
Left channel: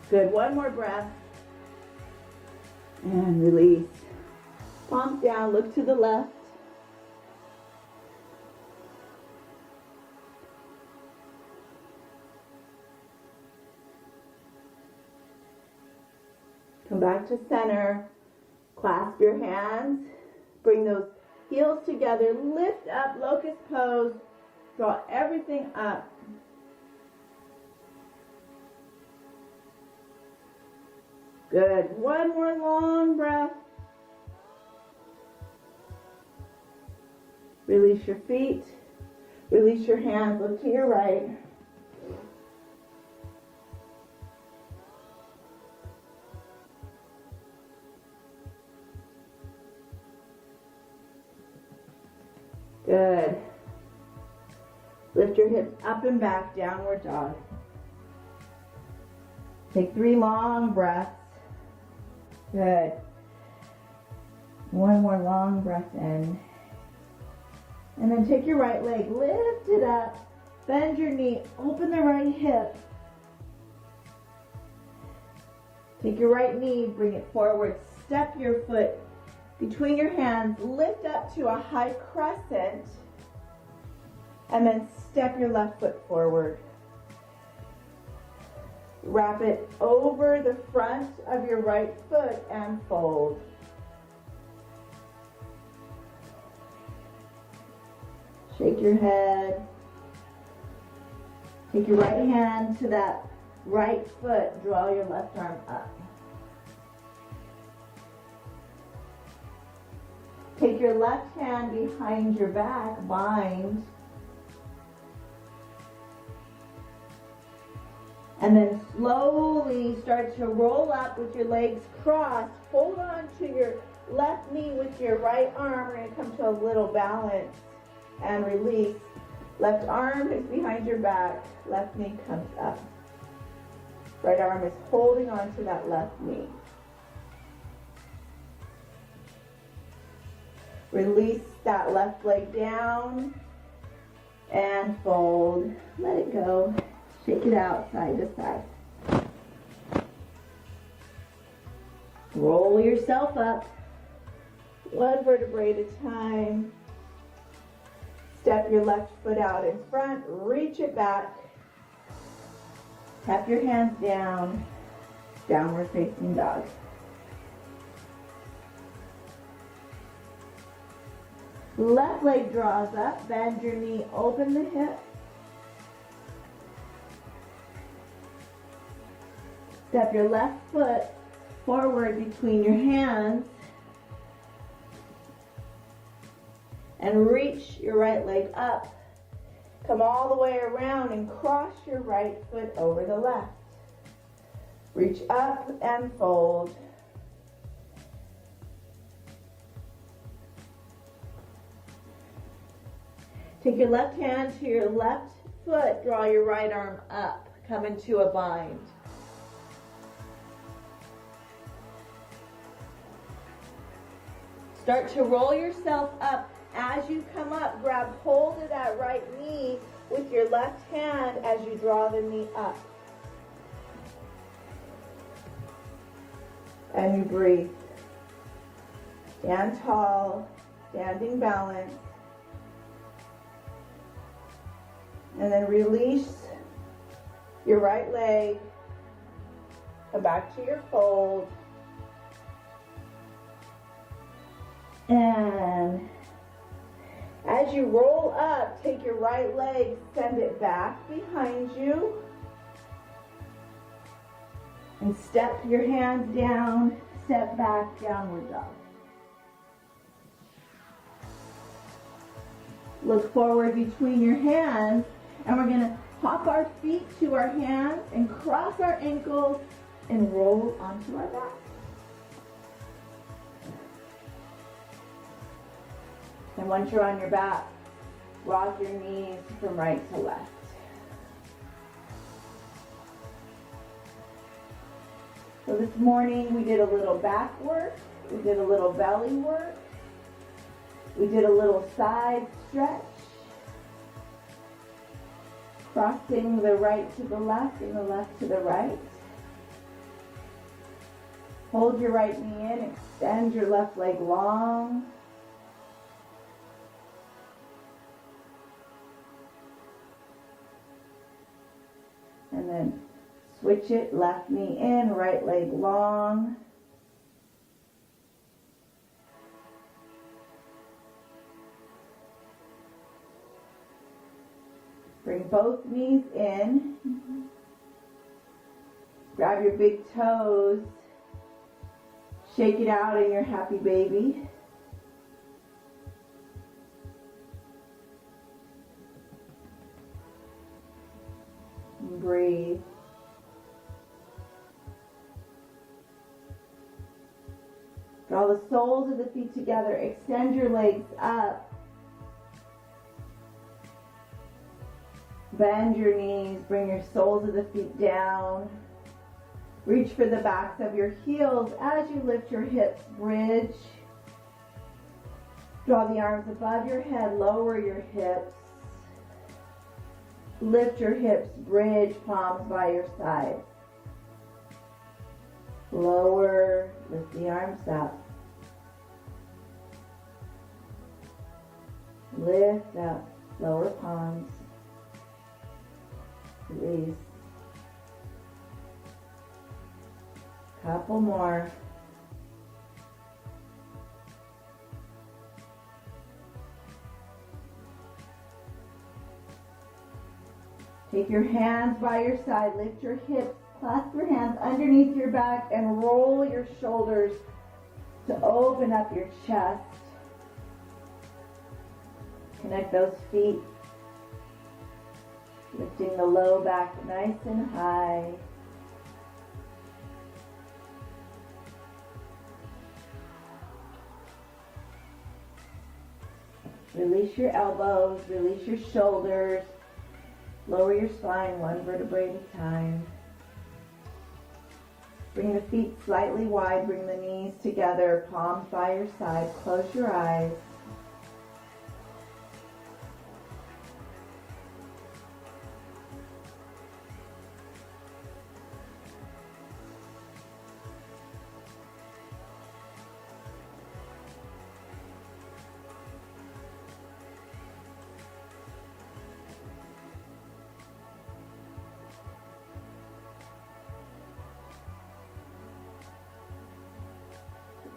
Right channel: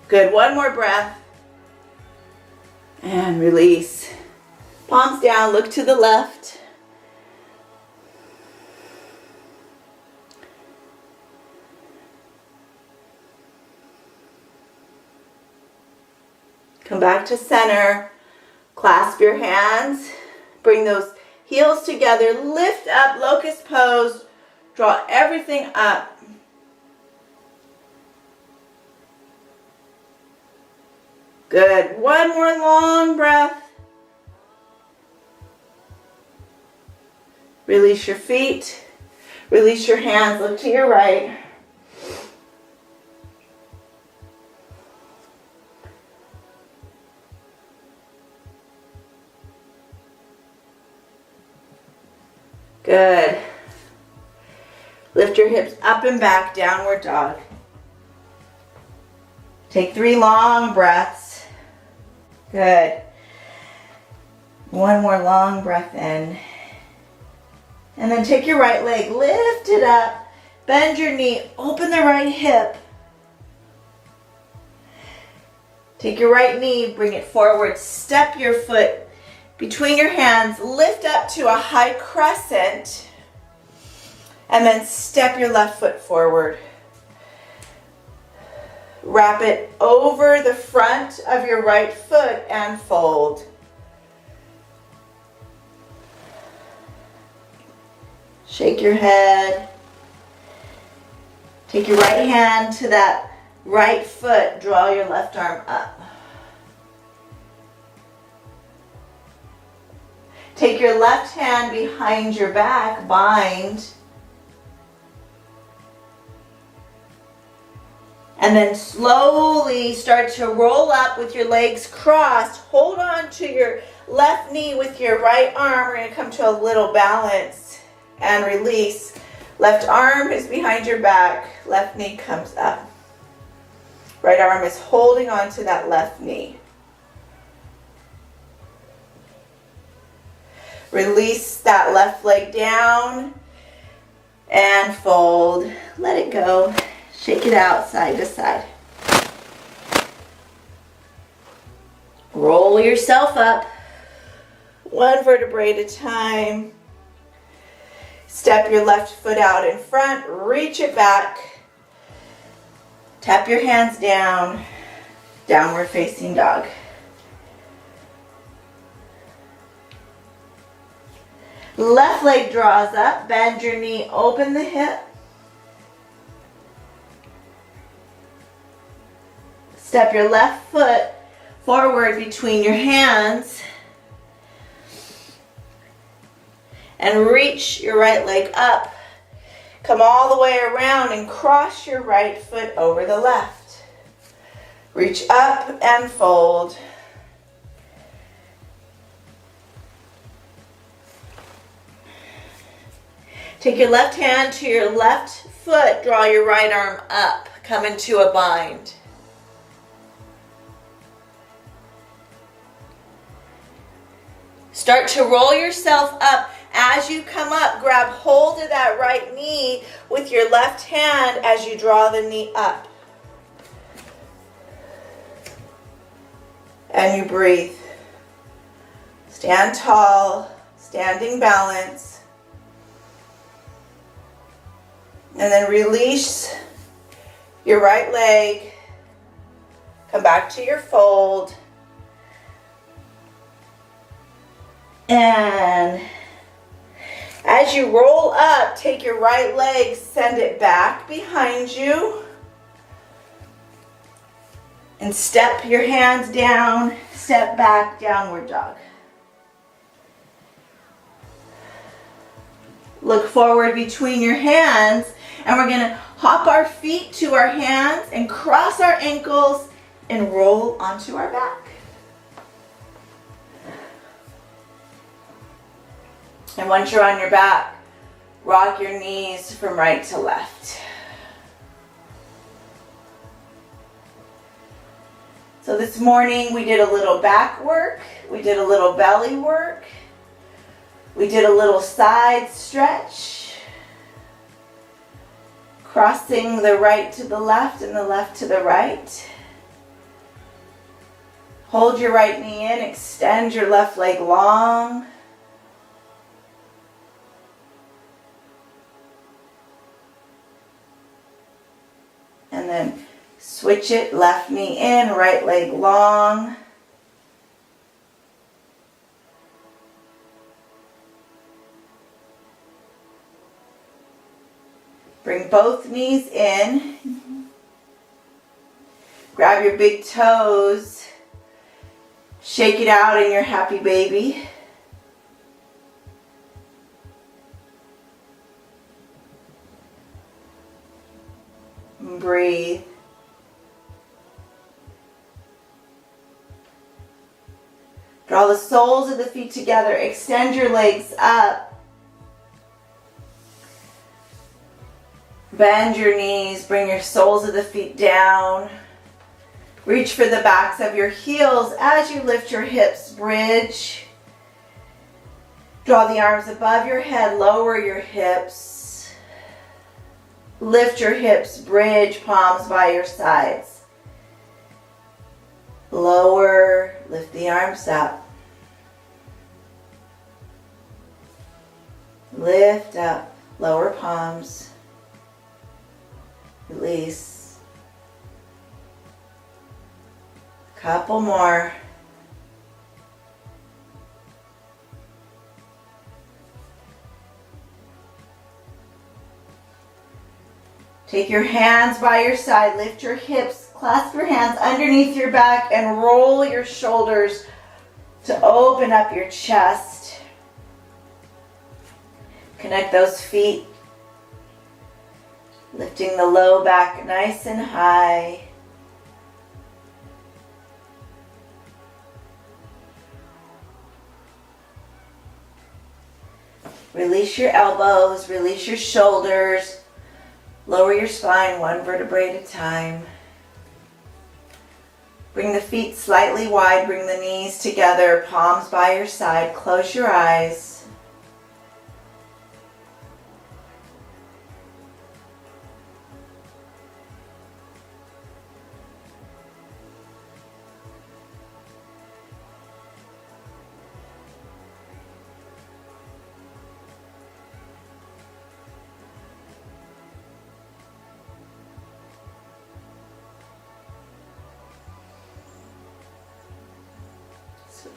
Good, 1 more breath. And release. Palms down, look to the left. Come back to center. Clasp your hands. Bring those heels together, lift up, locust pose, draw everything up. Good, 1 more long breath. Release your feet, release your hands, look to your right. Good. Lift your hips up and back, downward dog. Take 3 long breaths. Good. One more long breath in. And then take your right leg, lift it up, bend your knee, open the right hip. Take your right knee, bring it forward, step your foot between your hands, lift up to a high crescent, and then step your left foot forward. Wrap it over the front of your right foot and fold. Shake your head. Take your right hand to that right foot. Draw your left arm up. Take your left hand behind your back. Bind. And then slowly start to roll up with your legs crossed. Hold on to your left knee with your right arm. We're going to come to a little balance and release. Left arm is behind your back. Left knee comes up. Right arm is holding on to that left knee. Release that left leg down and fold. Let it go. Shake it out side to side. Roll yourself up, one vertebrae at a time. Step your left foot out in front, reach it back. Tap your hands down, downward facing dog. Left leg draws up, bend your knee, open the hip. Step your left foot forward between your hands and reach your right leg up. Come all the way around and cross your right foot over the left. Reach up and fold. Take your left hand to your left foot, draw your right arm up, come into a bind. Start to roll yourself up. As you come up, grab hold of that right knee with your left hand as you draw the knee up. And you breathe. Stand tall, standing balance. And then release your right leg. Come back to your fold. And as you roll up, take your right leg, send it back behind you. And step your hands down, step back, downward dog. Look forward between your hands, and we're gonna hop our feet to our hands and cross our ankles and roll onto our back. And once you're on your back, rock your knees from right to left. So this morning we did a little back work, we did a little belly work, we did a little side stretch, crossing the right to the left and the left to the right. Hold your right knee in, extend your left leg long. And then switch it, left knee in, right leg long. Bring both knees in. Grab your big toes. Shake it out in your happy baby. Breathe. Draw the soles of the feet together. Extend your legs up. Bend your knees. Bring your soles of the feet down. Reach for the backs of your heels as you lift your hips, bridge. Draw the arms above your head, lower your hips. Lift your hips, bridge, palms by your sides. Lower, lift the arms up. Lift up, lower palms. Release. Couple more. Take your hands by your side, lift your hips, clasp your hands underneath your back and roll your shoulders to open up your chest. Connect those feet, lifting the low back nice and high. Release your elbows, release your shoulders. Lower your spine one vertebrae at a time. Bring the feet slightly wide, bring the knees together, palms by your side. Close your eyes.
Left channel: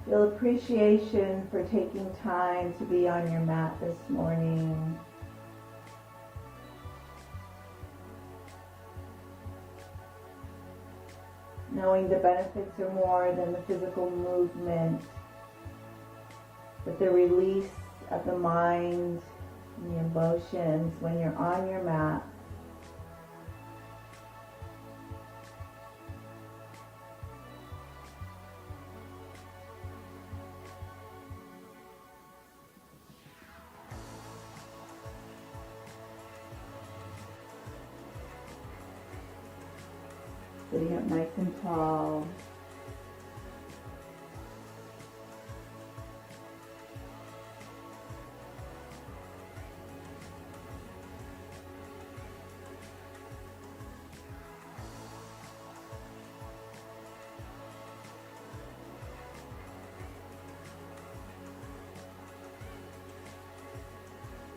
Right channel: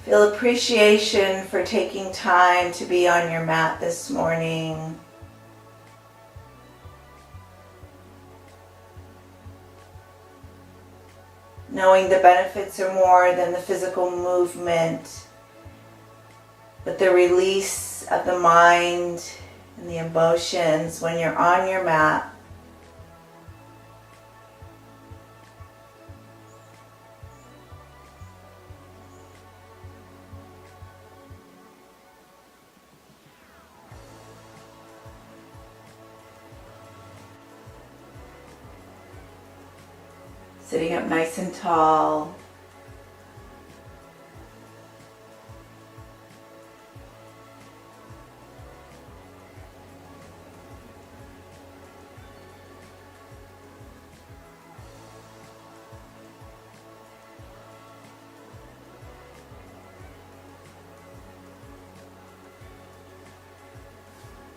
Feel appreciation for taking time to be on your mat this morning. Knowing the benefits are more than the physical movement, but the release of the mind and the emotions when you're on your mat. Sitting up nice and tall.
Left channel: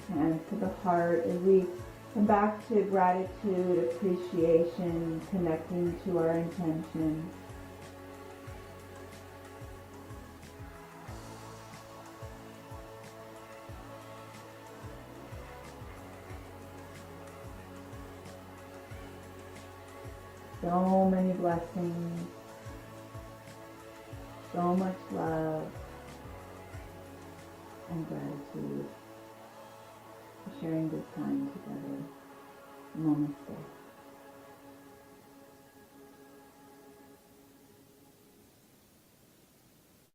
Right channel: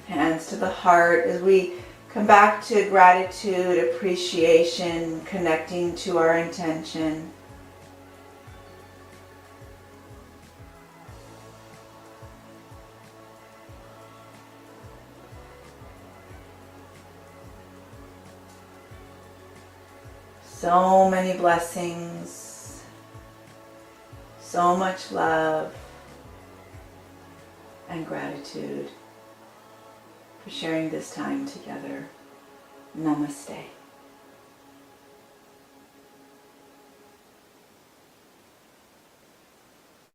Hands to the heart as we come back to gratitude, appreciation, connecting to our intention. So many blessings, so much love and gratitude for sharing this time together. Namaste.